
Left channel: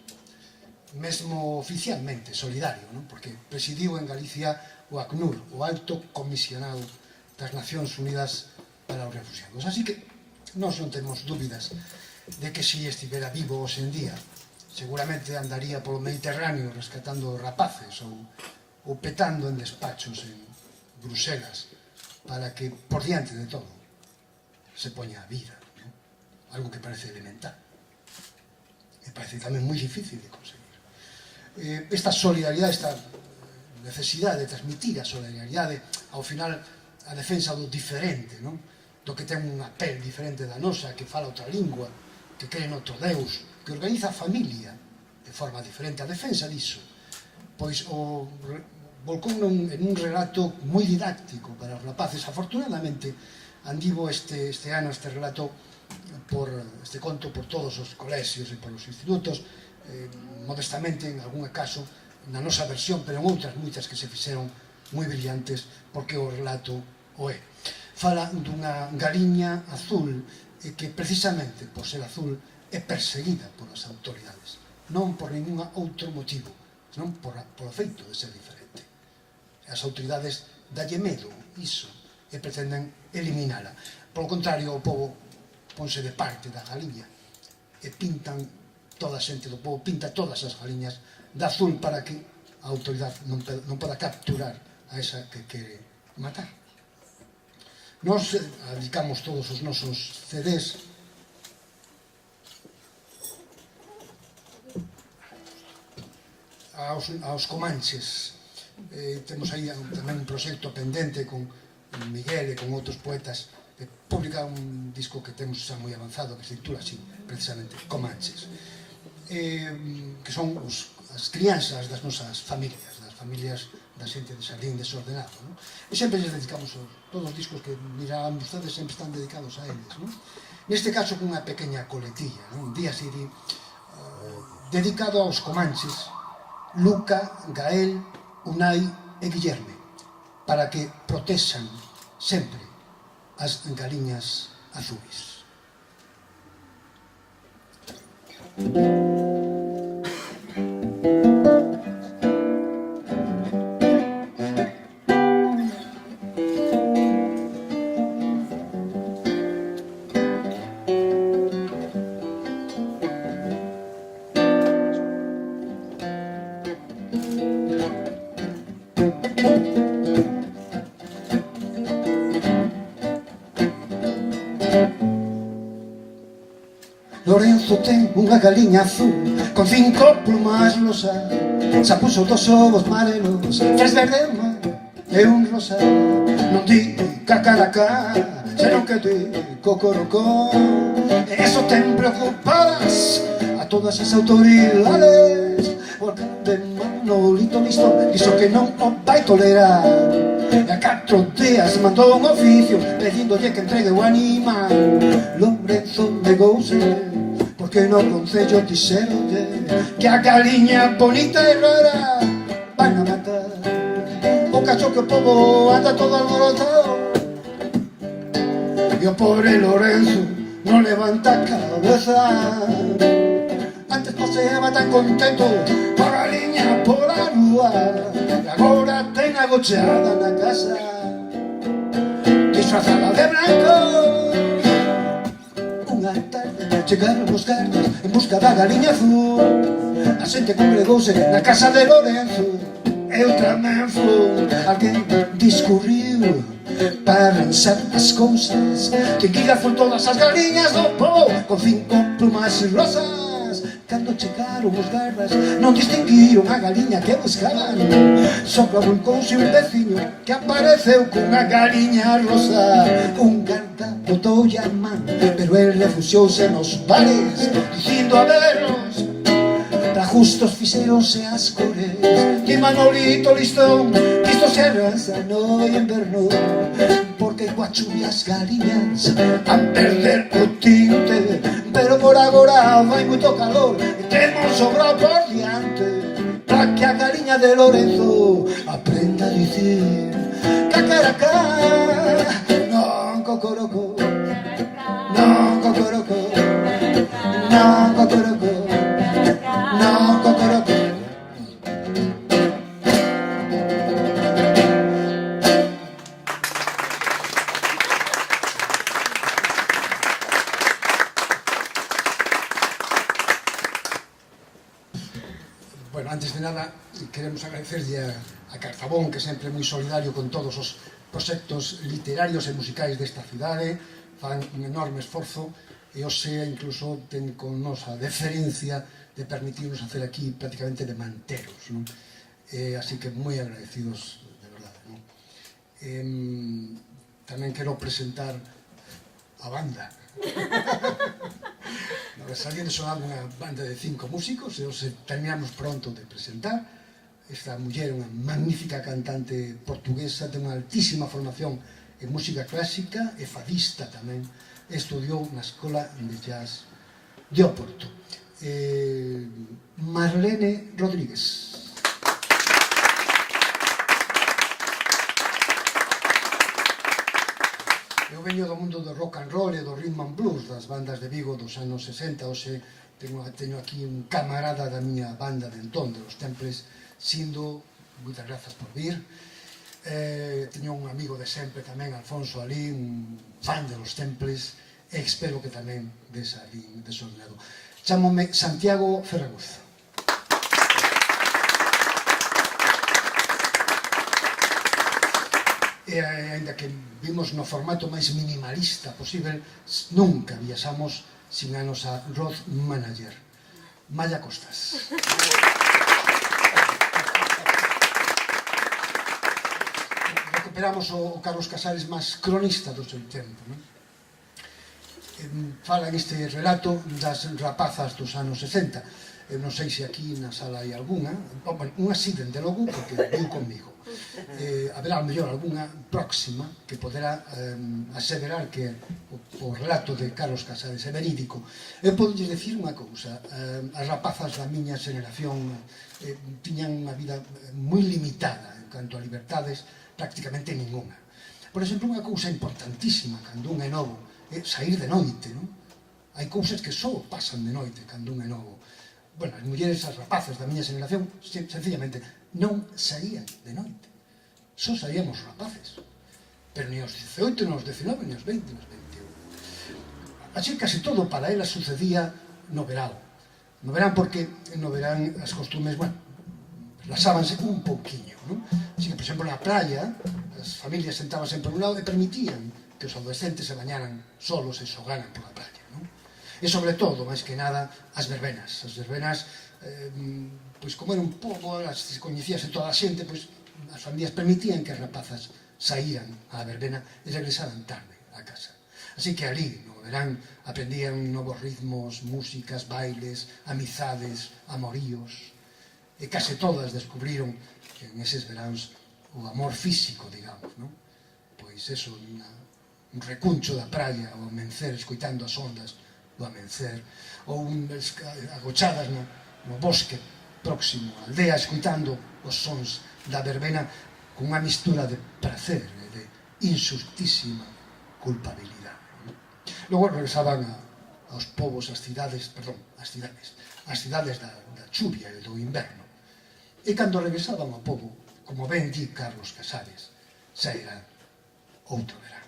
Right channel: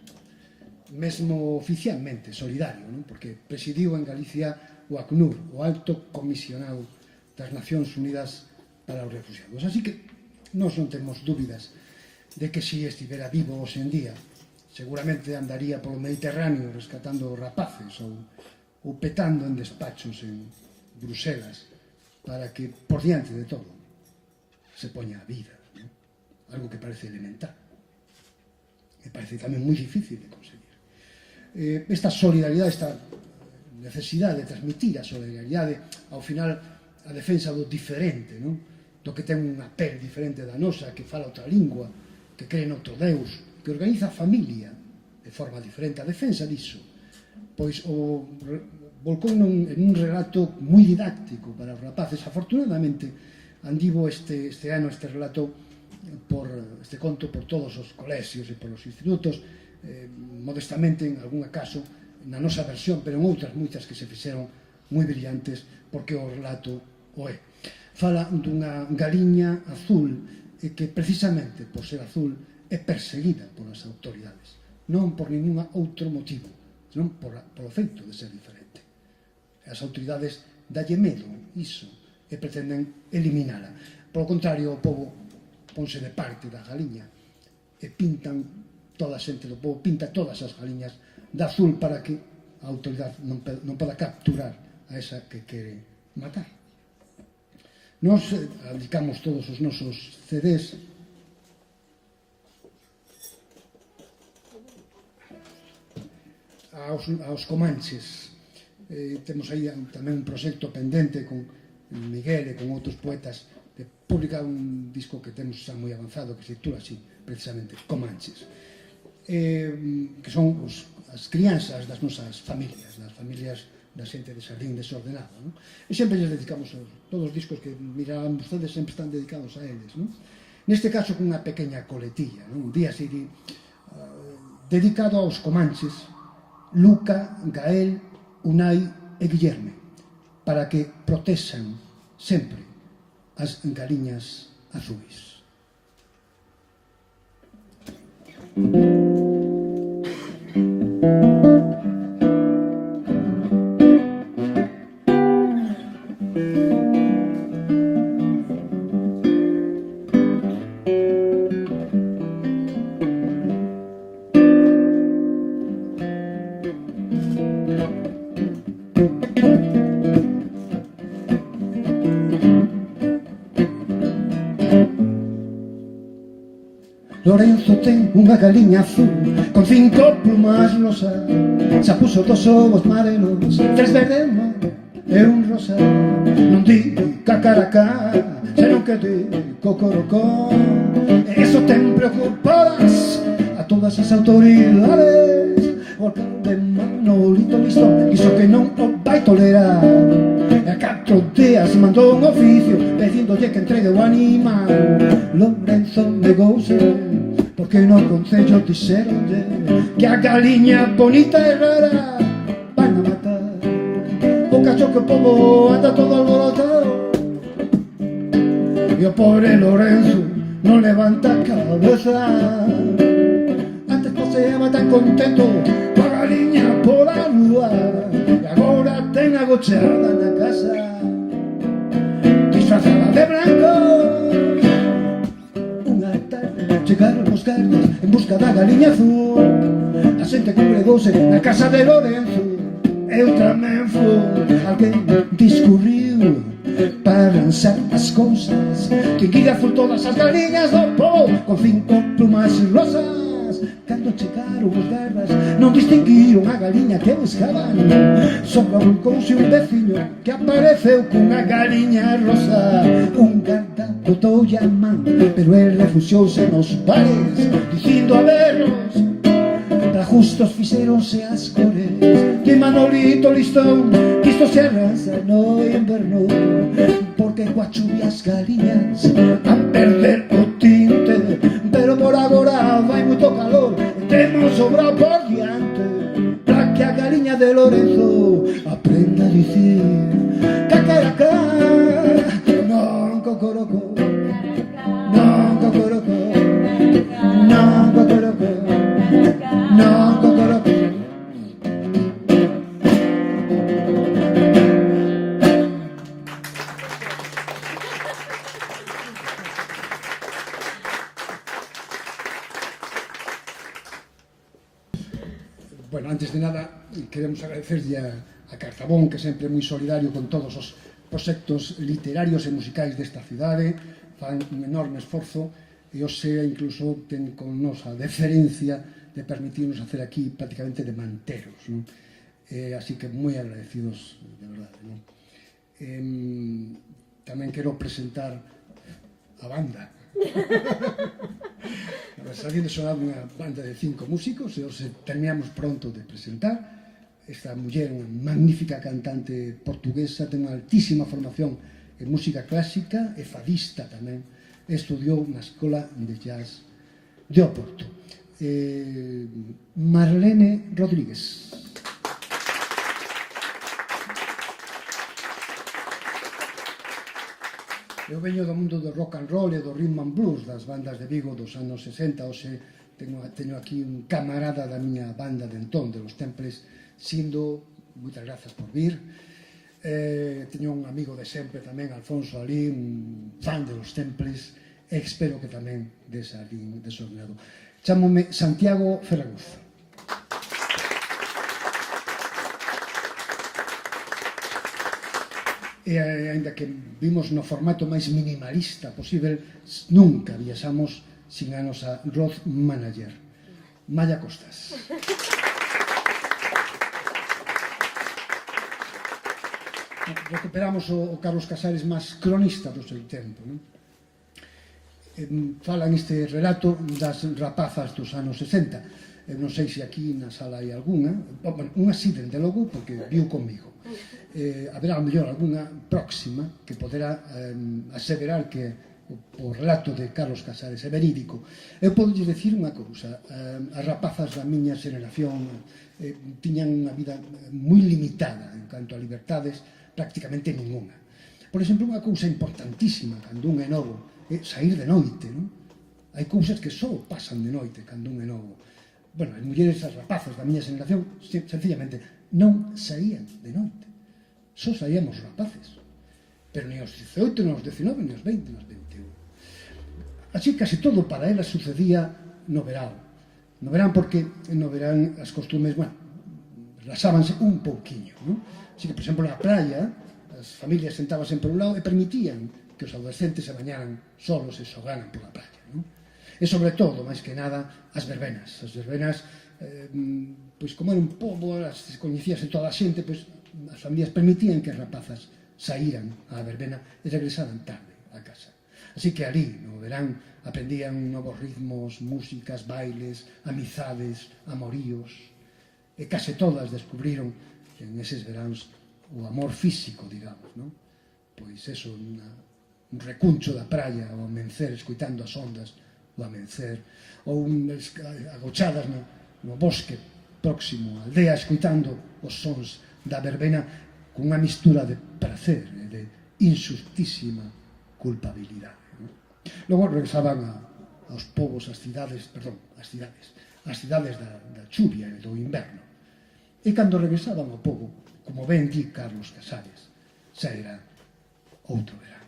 mesmo oficialmente solidario, non? Porque presidiu en Galicia o ACNUR, o Alto Comisionado das Nacións Unidas para os Refugiados. Así que nós non temos dúbidas de que si estivera vivo hoxe en día, seguramente andaría polo Mediterráneo rescatando rapaces ou petando en despachos en Bruselas para que, por diante de todo, se poña a vida, non? Algo que parece elemental e parece tamén moi difícil de conseguir. Esta solidaridade, esta necesidade de transmitir a solidaridade, ao final a defensa do diferente, non? Do que ten unha pel diferente da nosa, que fala outra lingua, que cree noutro Deus, que organiza a familia de forma diferente. A defensa diso, pois volcou en un relato moi didáctico para os rapaces. Afortunadamente andivo este ano este relato, este conto por todos os colexios e por os institutos, modestamente en algún caso na nosa versión, pero en outras moitas que se fixeron moi brillantes, porque o relato o é. Fala dunha galiña azul que precisamente por ser azul é perseguida polas autoridades, non por ningún outro motivo, senón por o feito de ser diferente. As autoridades dalle medo iso e pretenden eliminala. Por o contrario, o povo ponse de parte da galiña e pintan, toda a xente do povo pinta todas as galiñas de azul para que a autoridade non poda capturar a esa que quere matar. Nos dedicamos todos os nosos CDs aos comanches. Temos aí tamén un proxecto pendente con Miguel e con outros poetas de publicar un disco que temos xa moi avanzado, que se titula así, precisamente, Comanches, que son as crianzas das nosas familias, das familias da xente de Sardín desordenado, non? E sempre lles dedicamos todos os discos que mirarán vostedes, sempre están dedicados a eles, non? Neste caso, cunha pequena coletilla, non? Un día así, dedicado aos comanches, Luca, Gael, Unai e Guillerme, para que protexan sempre as galiñas azuis. unha galiña azul con 5 plumas rosas. Xa puso 2 ovos marelos, 3 verde mar e un rosa. Non di cacaracá, senón que di cocorocó. E eso ten preocupadas a todas as autoridades, porque de Manolito listo iso que non o vai tolerar. E a 4 días mandou un oficio pedíndolle que entregue o animal. Lorenzo negouse, porque no concello dixeronlle que a galiña bonita e rara van a matar. O cacho que o povo anda todo alborotado e o pobre Lorenzo non levanta a cabeza. Antes paseaba tan contento coa galiña pola rúa e agora ten agocheada na casa disfrazada de branco. Unha tarde chegaron os cartos en busca da galiña azul. A xente congregouse na casa de Lorenzo. Eu tamén fui. Alguén discurriu para lanzar as cousas. Ten que ir azul todas as galiñas do povo con 5 plumas rosas. Cando chegaron os garras non distinguiron a galiña que buscaban. Só volcouse un veciño que apareceu cunha galiña rosa. Un garda botoulle a man, pero el refuxouse nos bares dicindo a berros: para justos fixeronse as cores. Di Manolito listón, que isto se arrasa no inverno, porque coa chuvia as galiñas van perder o tinte. Pero por agora vai moito calor e temos sobra por diante, para que a galiña de Lorenzo aprenda a dicir cacaracá, non cocoroco, non cocoroco, non cocoroco, non cocoroco. Bueno, antes de nada, queremos agradecerlle a Cartabón, que sempre é moi solidario con todos os proxectos literarios e musicais desta cidade. Fan un enorme esforzo e hoxe incluso ten con nos a deferencia de permitirnos hacer aquí prácticamente de manteros, non? Así que moi agradecidos, de verdade, non? Tamén quero presentar a banda. Salí de sonar unha banda de 5 músicos e os terminamos pronto de presentar. Esta muller é unha magnífica cantante portuguesa, ten unha altísima formación en música clásica e fadista tamén. Estudiou na Escola de Jazz de Oporto. Marlene Rodríguez. Eu veño do mundo do rock and roll e do rhythm and blues, das bandas de Vigo dos anos 60. Hoxe teño aquí un camarada da miña banda de entón, de Los Temples, Sindo. Moitas grazas por vir. Teño un amigo de sempre tamén, Alfonso Alín, un fan de Los Temples, e espero que tamén des Alín de seu lado. Chámome Santiago Ferraguzo. E ainda que vimos no formato máis minimalista posible, nunca viaxamos sin a nosa road manager, Maya Costas. Recuperamos o Carlos Casares máis cronista do seu tempo, non? Fala neste relato das rapazas dos anos 60. Eu non sei se aquí na sala hai algunha, unha sí, dende logo, porque viu comigo. Haberá mellor algunha próxima que poderá aseverar que o relato de Carlos Casares é verídico. Eu podo dicir unha cousa: as rapazas da miña xeración tiñan unha vida moi limitada en canto a libertades, prácticamente ninguna. Por exemplo, unha cousa importantísima cando un é novo é sair de noite, non? Hai cousas que só pasan de noite cando un é novo. Bueno, as mulleres, as rapazas da miña xeración, sencillamente non saían de noite. Só saíamos rapaces, pero ni aos 18, ni aos 19, ni aos 20, ni aos 21. Así casi todo para elas sucedía no verán. No verán porque no verán as costumes, bueno, relaxábanse un pouquiño, non? Así que, por exemplo, na praia, as familias sentábanse por un lado e permitían que os adolescentes se bañaran solos e xogaran pola praia, non? E sobre todo, máis que nada, as verbenas. As verbenas, pois como era un pobo, as coñecíase toda a xente, pois as familias permitían que as rapazas saíran á verbena e regresaran tarde a casa. Así que ali, no verán, aprendían novos ritmos, músicas, bailes, amizades, amoríos, e case todas descubriron en eses veráns o amor físico, digamos, non? Pois eso, un recuncho da praia ao amencer, escoitando as ondas do amencer, ou agochadas no bosque próximo á aldea, escoitando os sons da verbena cunha mistura de placer e de insustísima culpabilidade. Logo regresaban aos povos, as cidades da chuvia e do inverno. E cando regresaban ao pobo, como ben di Carlos Casares, xa era outro verán.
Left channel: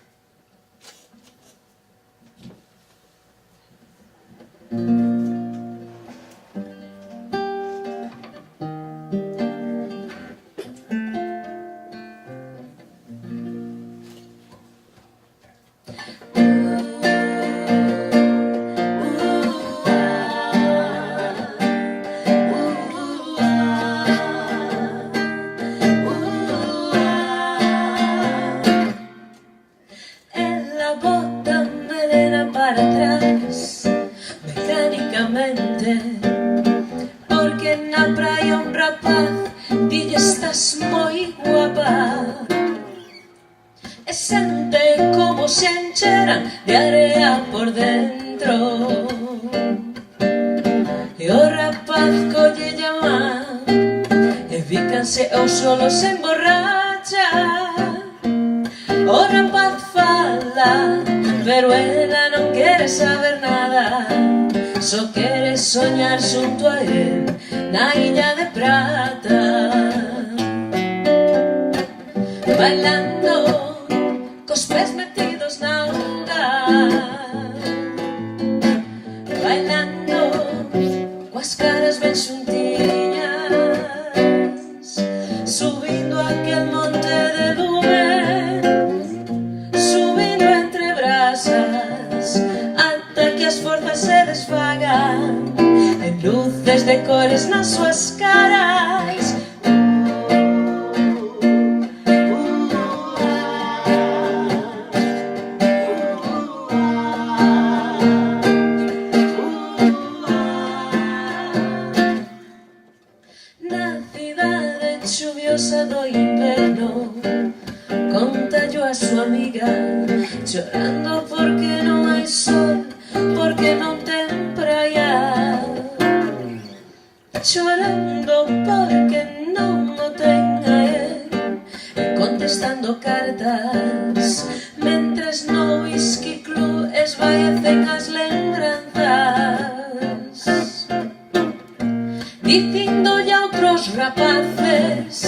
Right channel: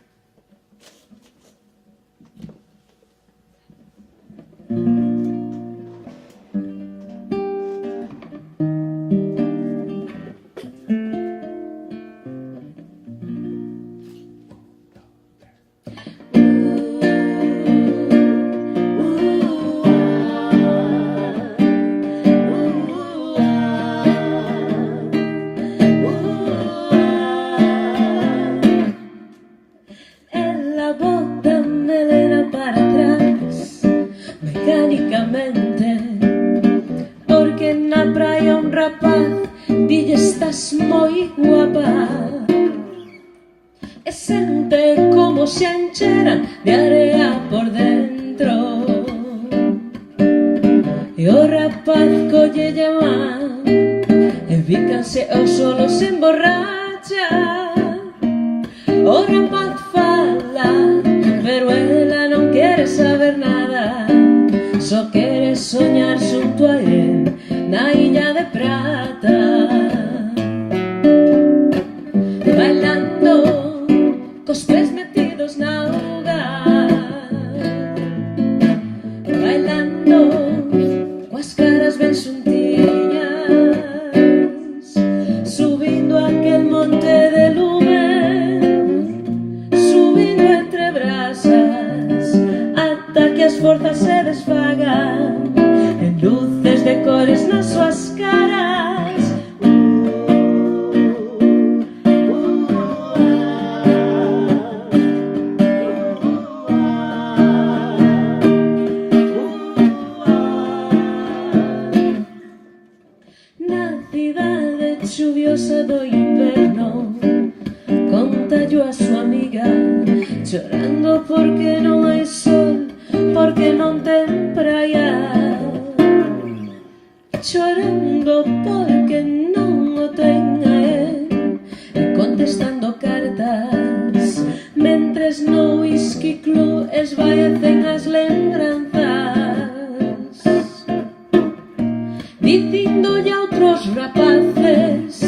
Porque na praia un rapaz dille estás moi guapa e sente como se encheran de area por dentro e o rapaz collelle a man e bícanse ou solo se emborracha. O rapaz fala pero ela non quere saber nada, só quere soñar xunto a él na Illa de Prata, bailando cos pés metidos na onda, bailando coas caras ben xuntiñas, subindo aquel monte de lume, subindo entre brasas ata que as forzas se desfagan en luces de cores nas súas caras. Na cidade chuviosa do inverno contallo a súa amiga, chorando porque non hai sol, porque non ten praia, chorando porque non o ten a él, e contestando cartas mentres no whisky club esvaecen as lembranzas, dicindolle a outros rapaces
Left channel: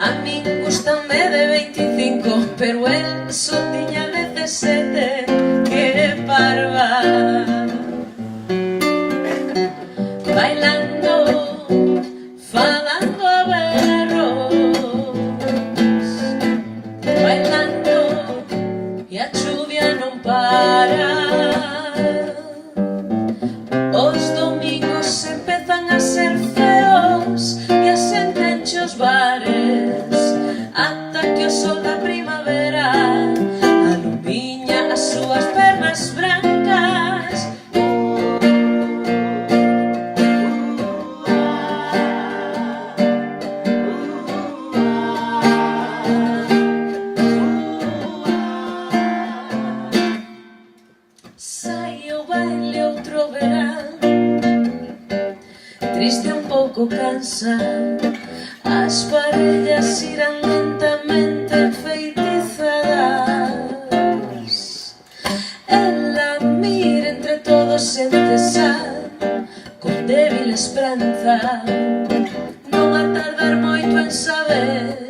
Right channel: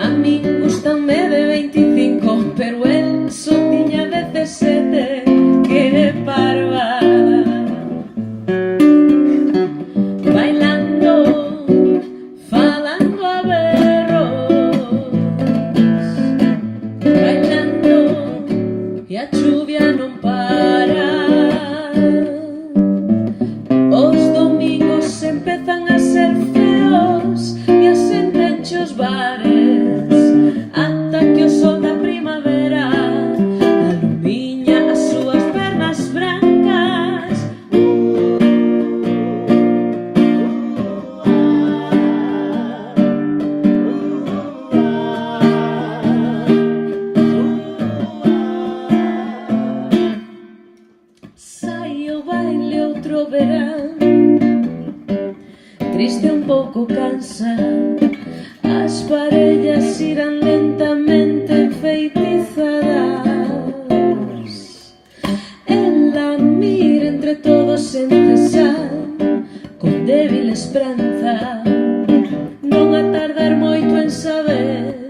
a min gustanme de 25, pero el só tiña 17, que parva. Bailando, falando a berros, bailando e a chuvia non para. Os domingos empezan a ser feos e a xente enche os bares ata que o sol da primavera alumiña as súas pernas brancas. Sai o baile outro verán, triste un pouco cansa, as parellas irán lentamente enfeitizadas. Ela mira entre todos sen cesar, con débil esperanza, non a tardar moito en saber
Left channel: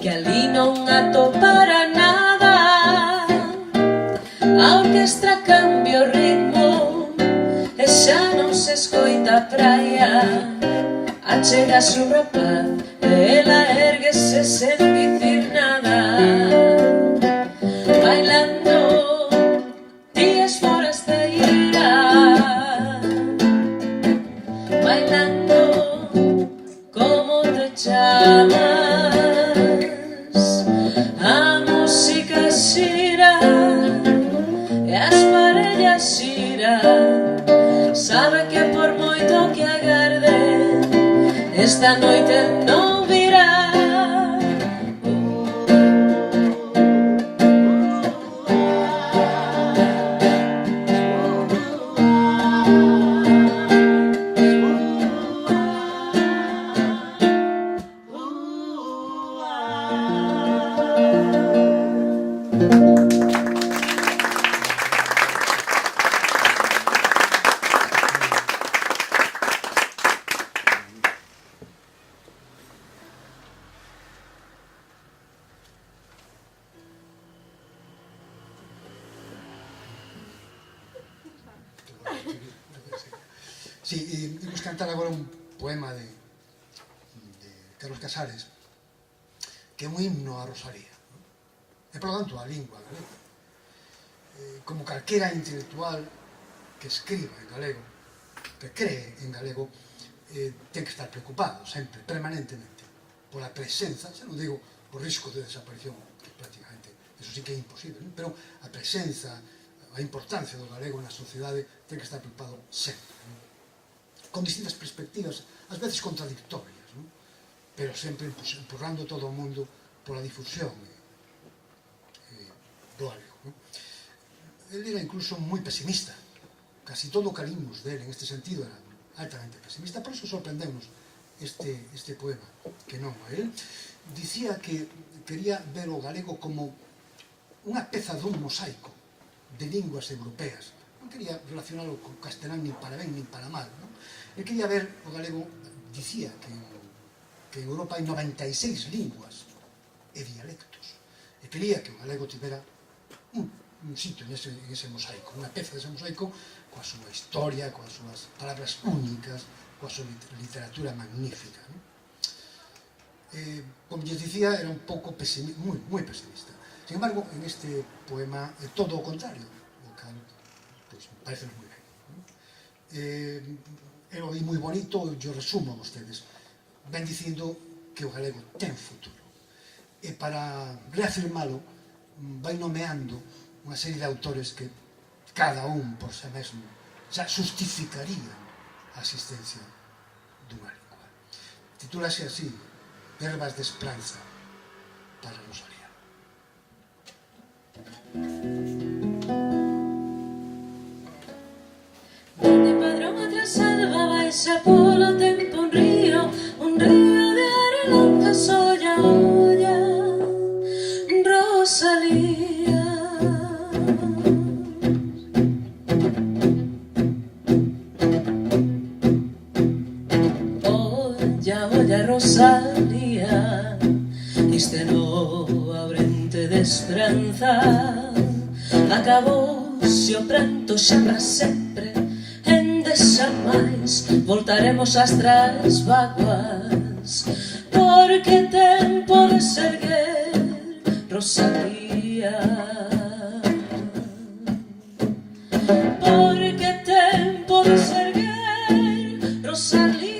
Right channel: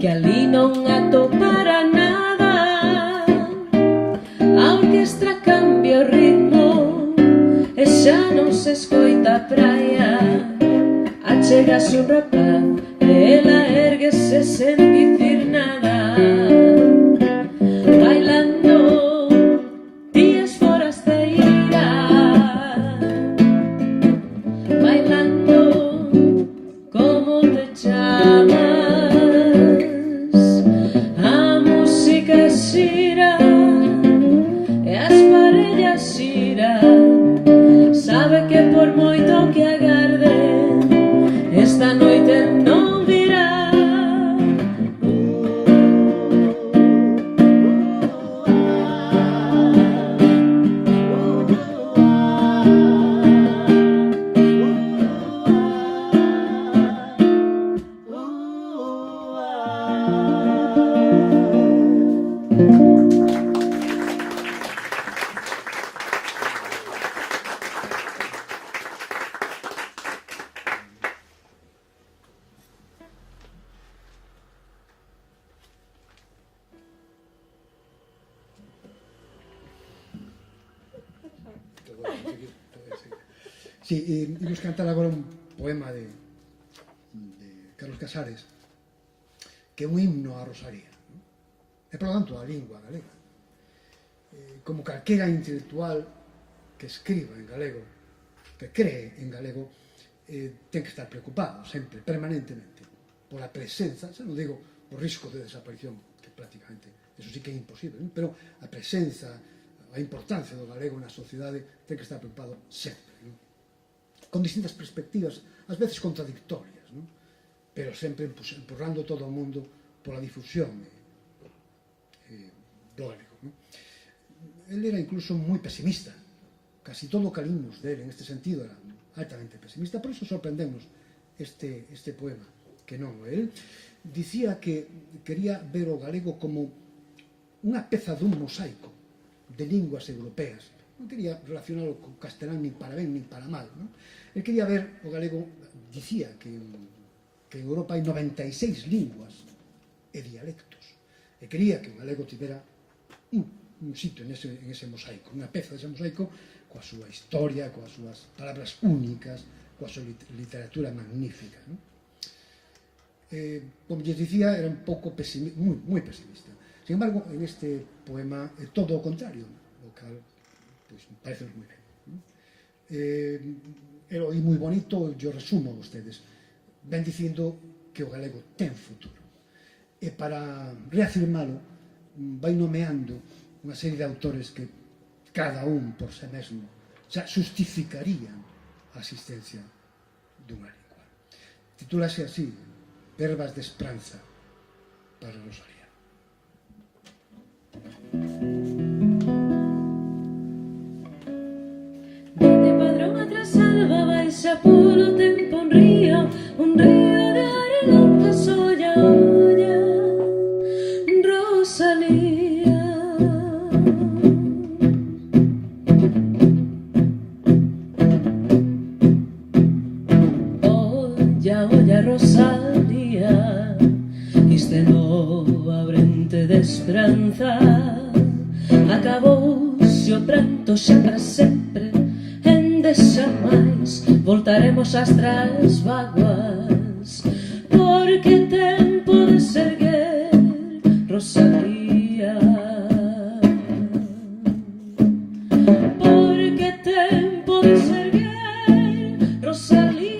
que ali non atopara nada. A orquestra cambia o ritmo e xa non se escoita a praia. Achégase un rapaz e ela érguese sen dicir nada, bailando días forasteira. gira e as parellas xiran. Sabe que por moito que agarde esta noite non virá. Sí, imos cantar agora un poema de Carlos Casares, que é un himno á Rosalía, non? E, por lo tanto, a lingua galega. Como calquera intelectual que escriba en galego, que cree en galego, ten que estar preocupado sempre, permanentemente, pola presenza, xa non digo o risco de desaparición, que prácticamente, eso sí que é imposible, non? Pero a presenza, a importancia do galego na sociedade ten que estar preocupado sempre, non? Con distintas perspectivas, ás veces contradictorias, non? Pero sempre empurrando todo o mundo pola difusión do galego, non? Ele era incluso moi pesimista, casi todo o que limos dele en este sentido era altamente pesimista, por iso sorprendemos este poema, que non, el dicía que quería ver o galego como unha peza dun mosaico de linguas europeas. Non quería relacionarlo con castelán nin para ben nin para mal, non? El quería ver o galego, dicía que en Europa hai 96 linguas e dialectos, e quería que o galego tivera un sitio en ese mosaico, unha peza dese mosaico coa súa historia, coas súas palabras únicas, coa súa literatura magnífica, non? Como lles dicía, era un pouco moi pesimista. Sin embargo, en este poema é todo o contrario, o cal me parece moi ben, non? É moi bonito, yo resumo a vostedes, ven dicindo que o galego ten futuro, e para reafirmalo vai nomeando unha serie de autores que cada un por si mesmo xa justificarían a existencia dunha lingua. Titúlase así, Verbas de Esperanza para Rosalía. Dende Padrón a Trasalba baixa polo tempo un río de arelanza solla olla, Rosalía. Olla, Rosalía, este novo abrente de esperanza acabouse o pranto xa para sempre, ende xa máis voltaremos ás trasvaguas, porque tempo de seguir, Rosalía, porque tempo de seguir, Rosalía.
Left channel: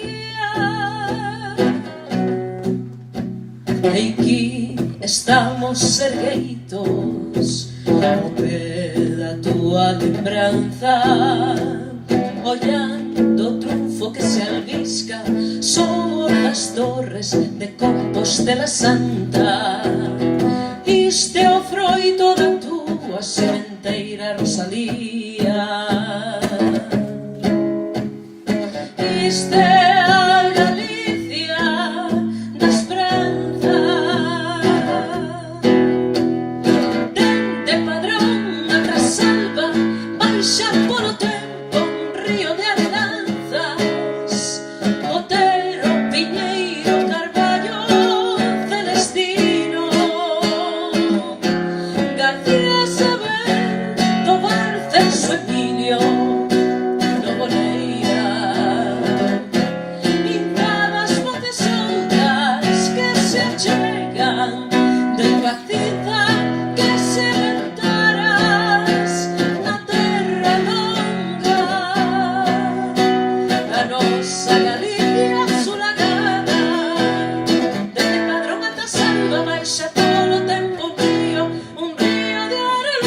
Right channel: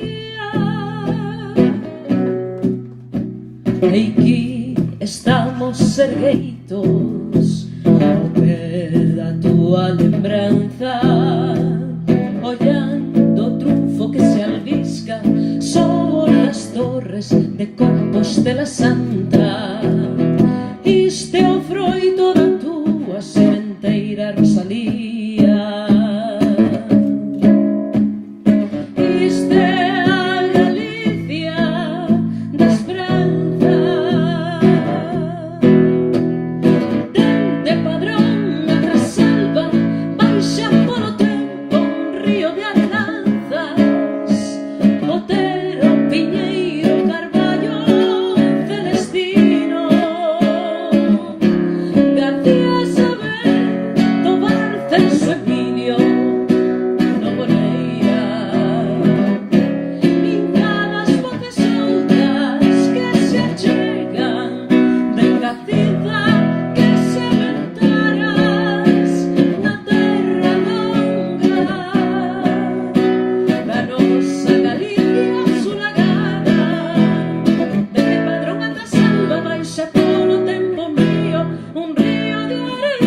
E aquí estamos ergueitos ao pé da túa lembranza, ollando o triunfo que se albisca sobre as torres de Compostela Santa. Isto é o froito da túa sementeira, Rosalía. Isto é a Galicia da esperanza. Dende Padrón a Trasalba baixa polo tempo un río de arelanzas, Otero, Piñeiro, Carballo, Celestino, García Saber, Tobar, Celso, Emilio, Novoleira, indadas voces soltas que se achegan de cacida que se ventaras na terra longa da nosa Galicia sulagada. Dende Padrón a Trasalba baixa polo tempo un río de arelanzas.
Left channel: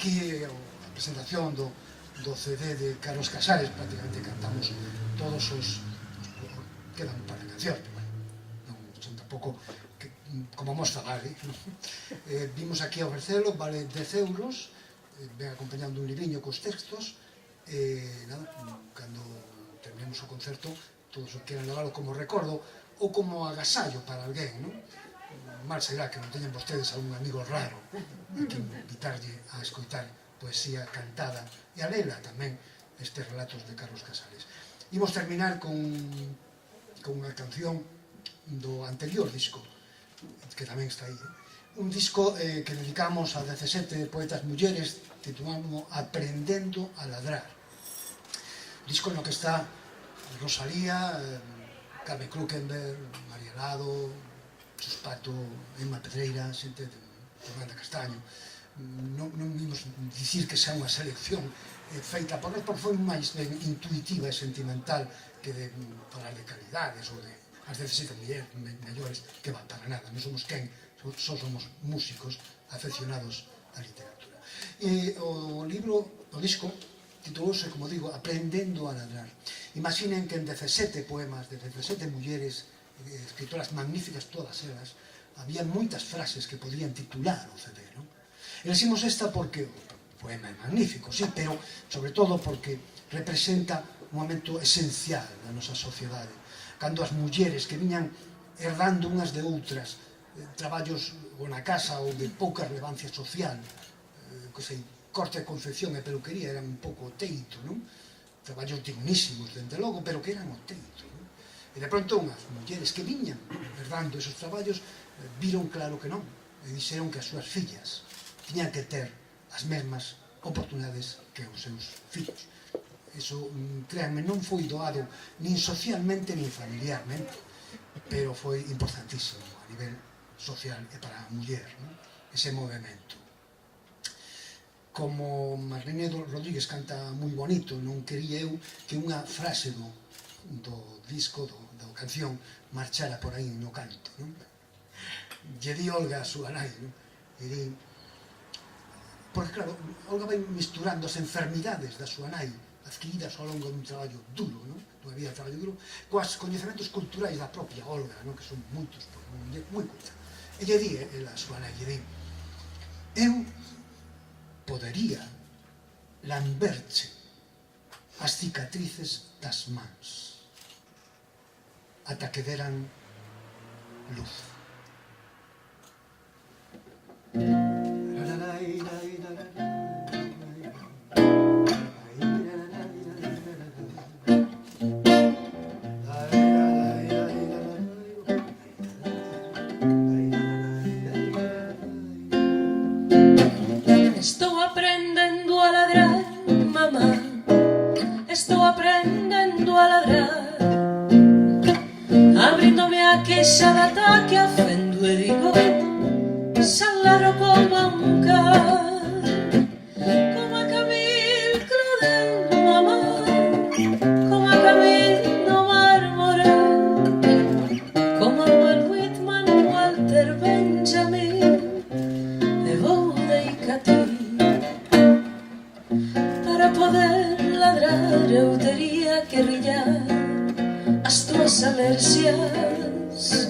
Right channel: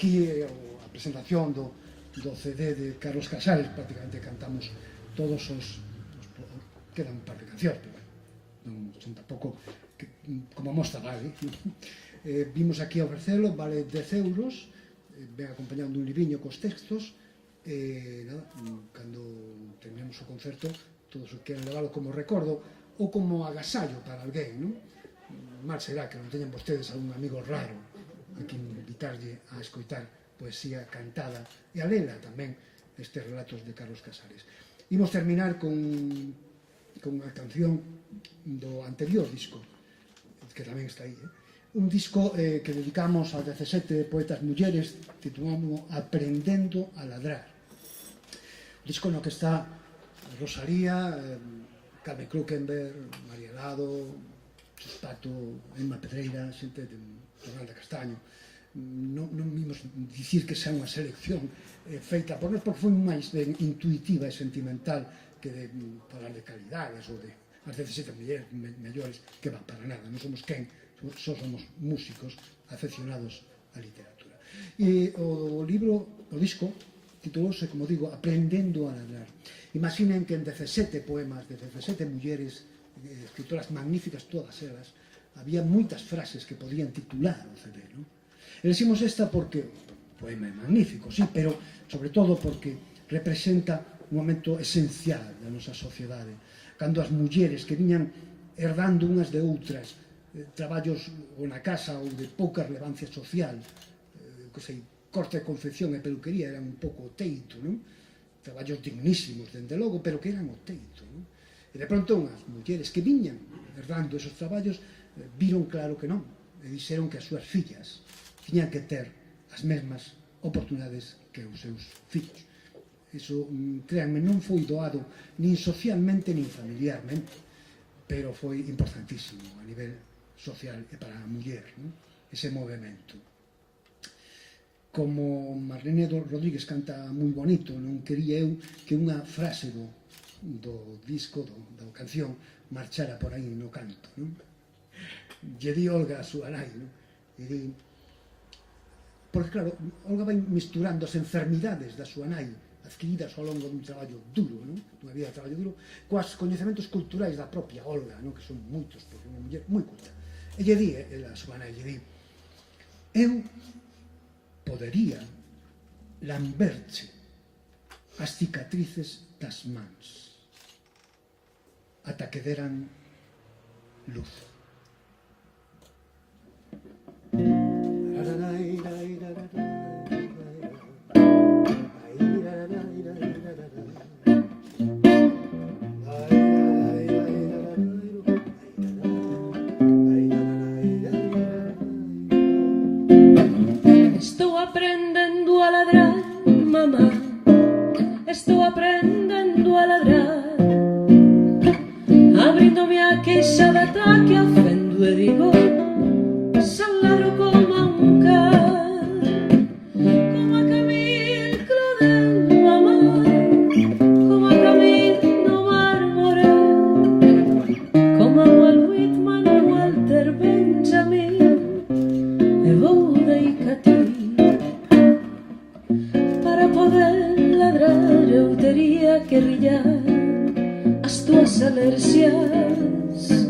aquí a presentación do CD de Carlos Casares, prácticamente cantamos todos os... quedan un par de cancións, non son tampouco como mostra vale. Vimos aquí a ofrecelo, vale 10 euros, ven acompañando un libriño cos textos, nada, cando terminemos o concerto, todos os queran leválo como recordo ou como agasallo para alguén, non? Mal será que non teñan vostedes a un amigo raro a que invitarlle a escoitar poesía cantada e a lela tamén estes relatos de Carlos Casares. Imos terminar con unha canción do anterior disco, que tamén está aí, un disco que dedicamos a 17 poetas mulleres, titulamos Aprendendo a ladrar. Un disco no que está Rosalía, Carmen Krukenberg, María Lado, Suspato, Emma Pedreira, xente de Fernanda Castaño. Non vimos dicir que xa unha selección feita por nós, porque foi máis intuitiva e sentimental que de falar de calidades ou de as 17 mulleres mellores, que van para nada. Non somos quen, só somos músicos afeccionados á literatura. E o libro, o disco, titulouse, como digo, Aprendendo a ladrar. Imaginen que en 17 poemas de 17 mulleres, escritoras magníficas todas elas, había moitas frases que podían titular o CD, non? Elegimos esta porque o poema é magnífico, sí, pero sobre todo porque representa un momento esencial da nosa sociedade, cando as mulleres que viñan herdando unhas de outras traballos ou na casa ou de pouca relevancia social, que sei, corte, confección e peluquería eran un pouco o teito, non? Traballos dignísimos, dende logo, pero que eran o teito, non? E de pronto unhas mulleres que viñan herdando esos traballos viron claro que non, e dixeron que as súas fillas tiñan que ter as mesmas oportunidades que os seus fillos. Iso, créanme, non foi doado nin socialmente nin familiarmente, pero foi importantísimo a nivel social e para a muller, non? Ese movimento. Como Marlene Rodríguez canta moi bonito, non quería eu que unha frase do disco, da canción, marchara por aí no canto, non? Lle di Olga a súa nai, non? E di... Porque, claro, Olga vai misturando as enfermidades da súa nai, adquiridas ao longo dun traballo duro, non? Dunha vida de traballo duro, coas coñecementos culturais da propia Olga, non? Que son moitos, porque é unha muller moi culta. E lle di, a súa nai, lle di, eu podería lamberche as cicatrices das mans ata que deran luz. Estou aprendendo a ladrar, mamá. Estou aprendendo a ladrar. Abríndome a queixa de ataque a fendo e digo, salaro como a un can, como a Camille Claudel, mamá, como a Camille no Mármore, como a Walt Whitman, Walter Benjamin e Boudica ti. Para poder ladrar eu tería que rillar as túas alerxias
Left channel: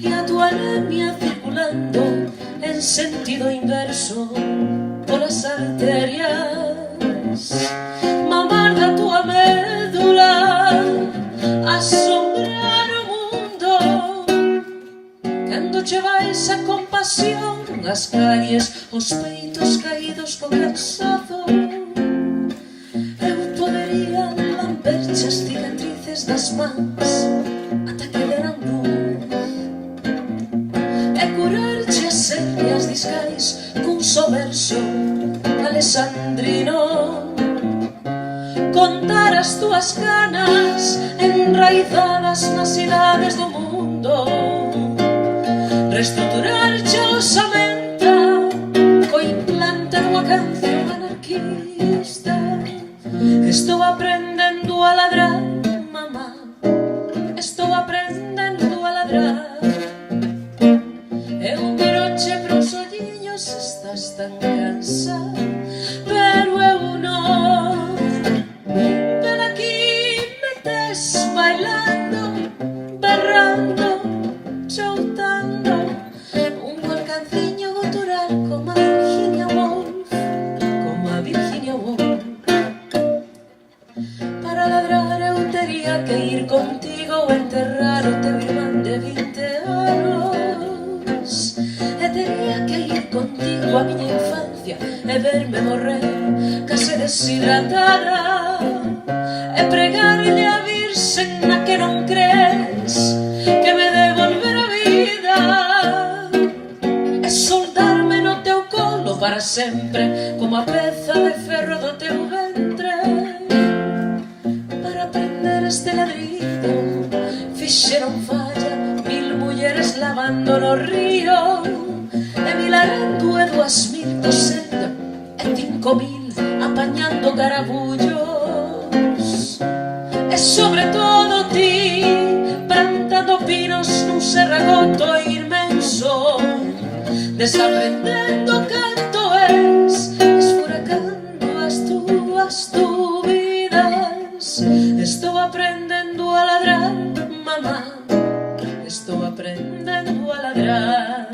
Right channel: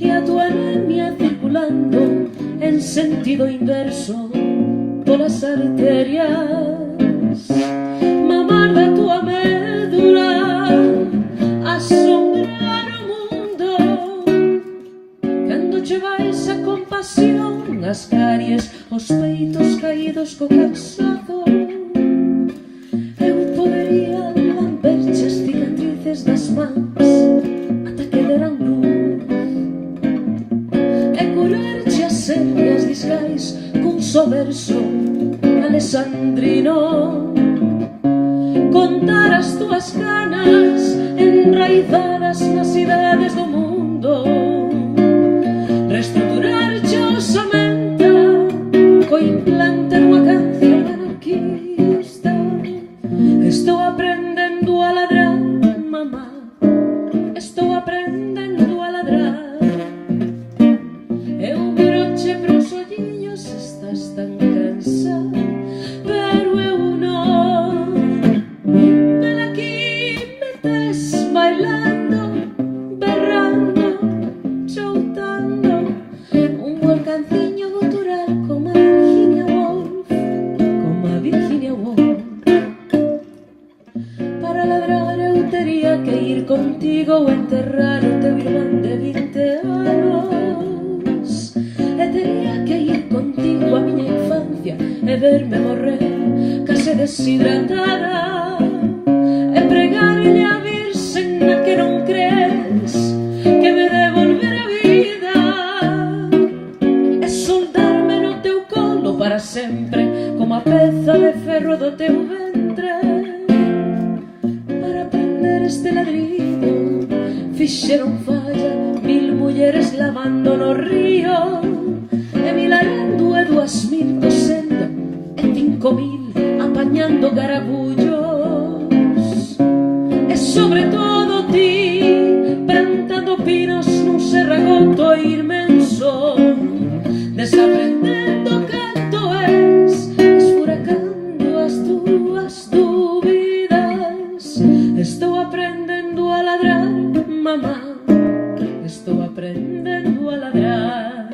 e a tua anemia circulando en sentido inverso polas arterias. Mamar da tua médula asombrar o mundo cando che vais a compasión as caries, os peitos caídos co cansazo. Eu podería lamberche as cicatrices das mans ata que deran luz e curarche as hernias discais cun só verso alexandrino, contar as túas canas enraizadas nas cidades do mundo, reestruturarche a osamenta co implante dunha canción anarquista. Estou aprendendo a ladrar, mamá. Estou aprendendo a ladrar. E un broche pros olliños, estás tan cansada e verme morrer case deshidratada, e pregarlle a Virxen na que non crees que me devolver a vida, e soldarme no teu colo para sempre como a peza de ferro do teu ventre. Para aprender este ladrido fixeron falla 1000 mulleres lavando no río, e 1260 e 5000 apañando garabullos, e sobre todo ti plantando pinos nun serragoto inmenso, desaprendendo canto es, esfuracando as túas dúbidas. Estou aprendendo a ladrar, mamá, estou aprendendo a ladrar.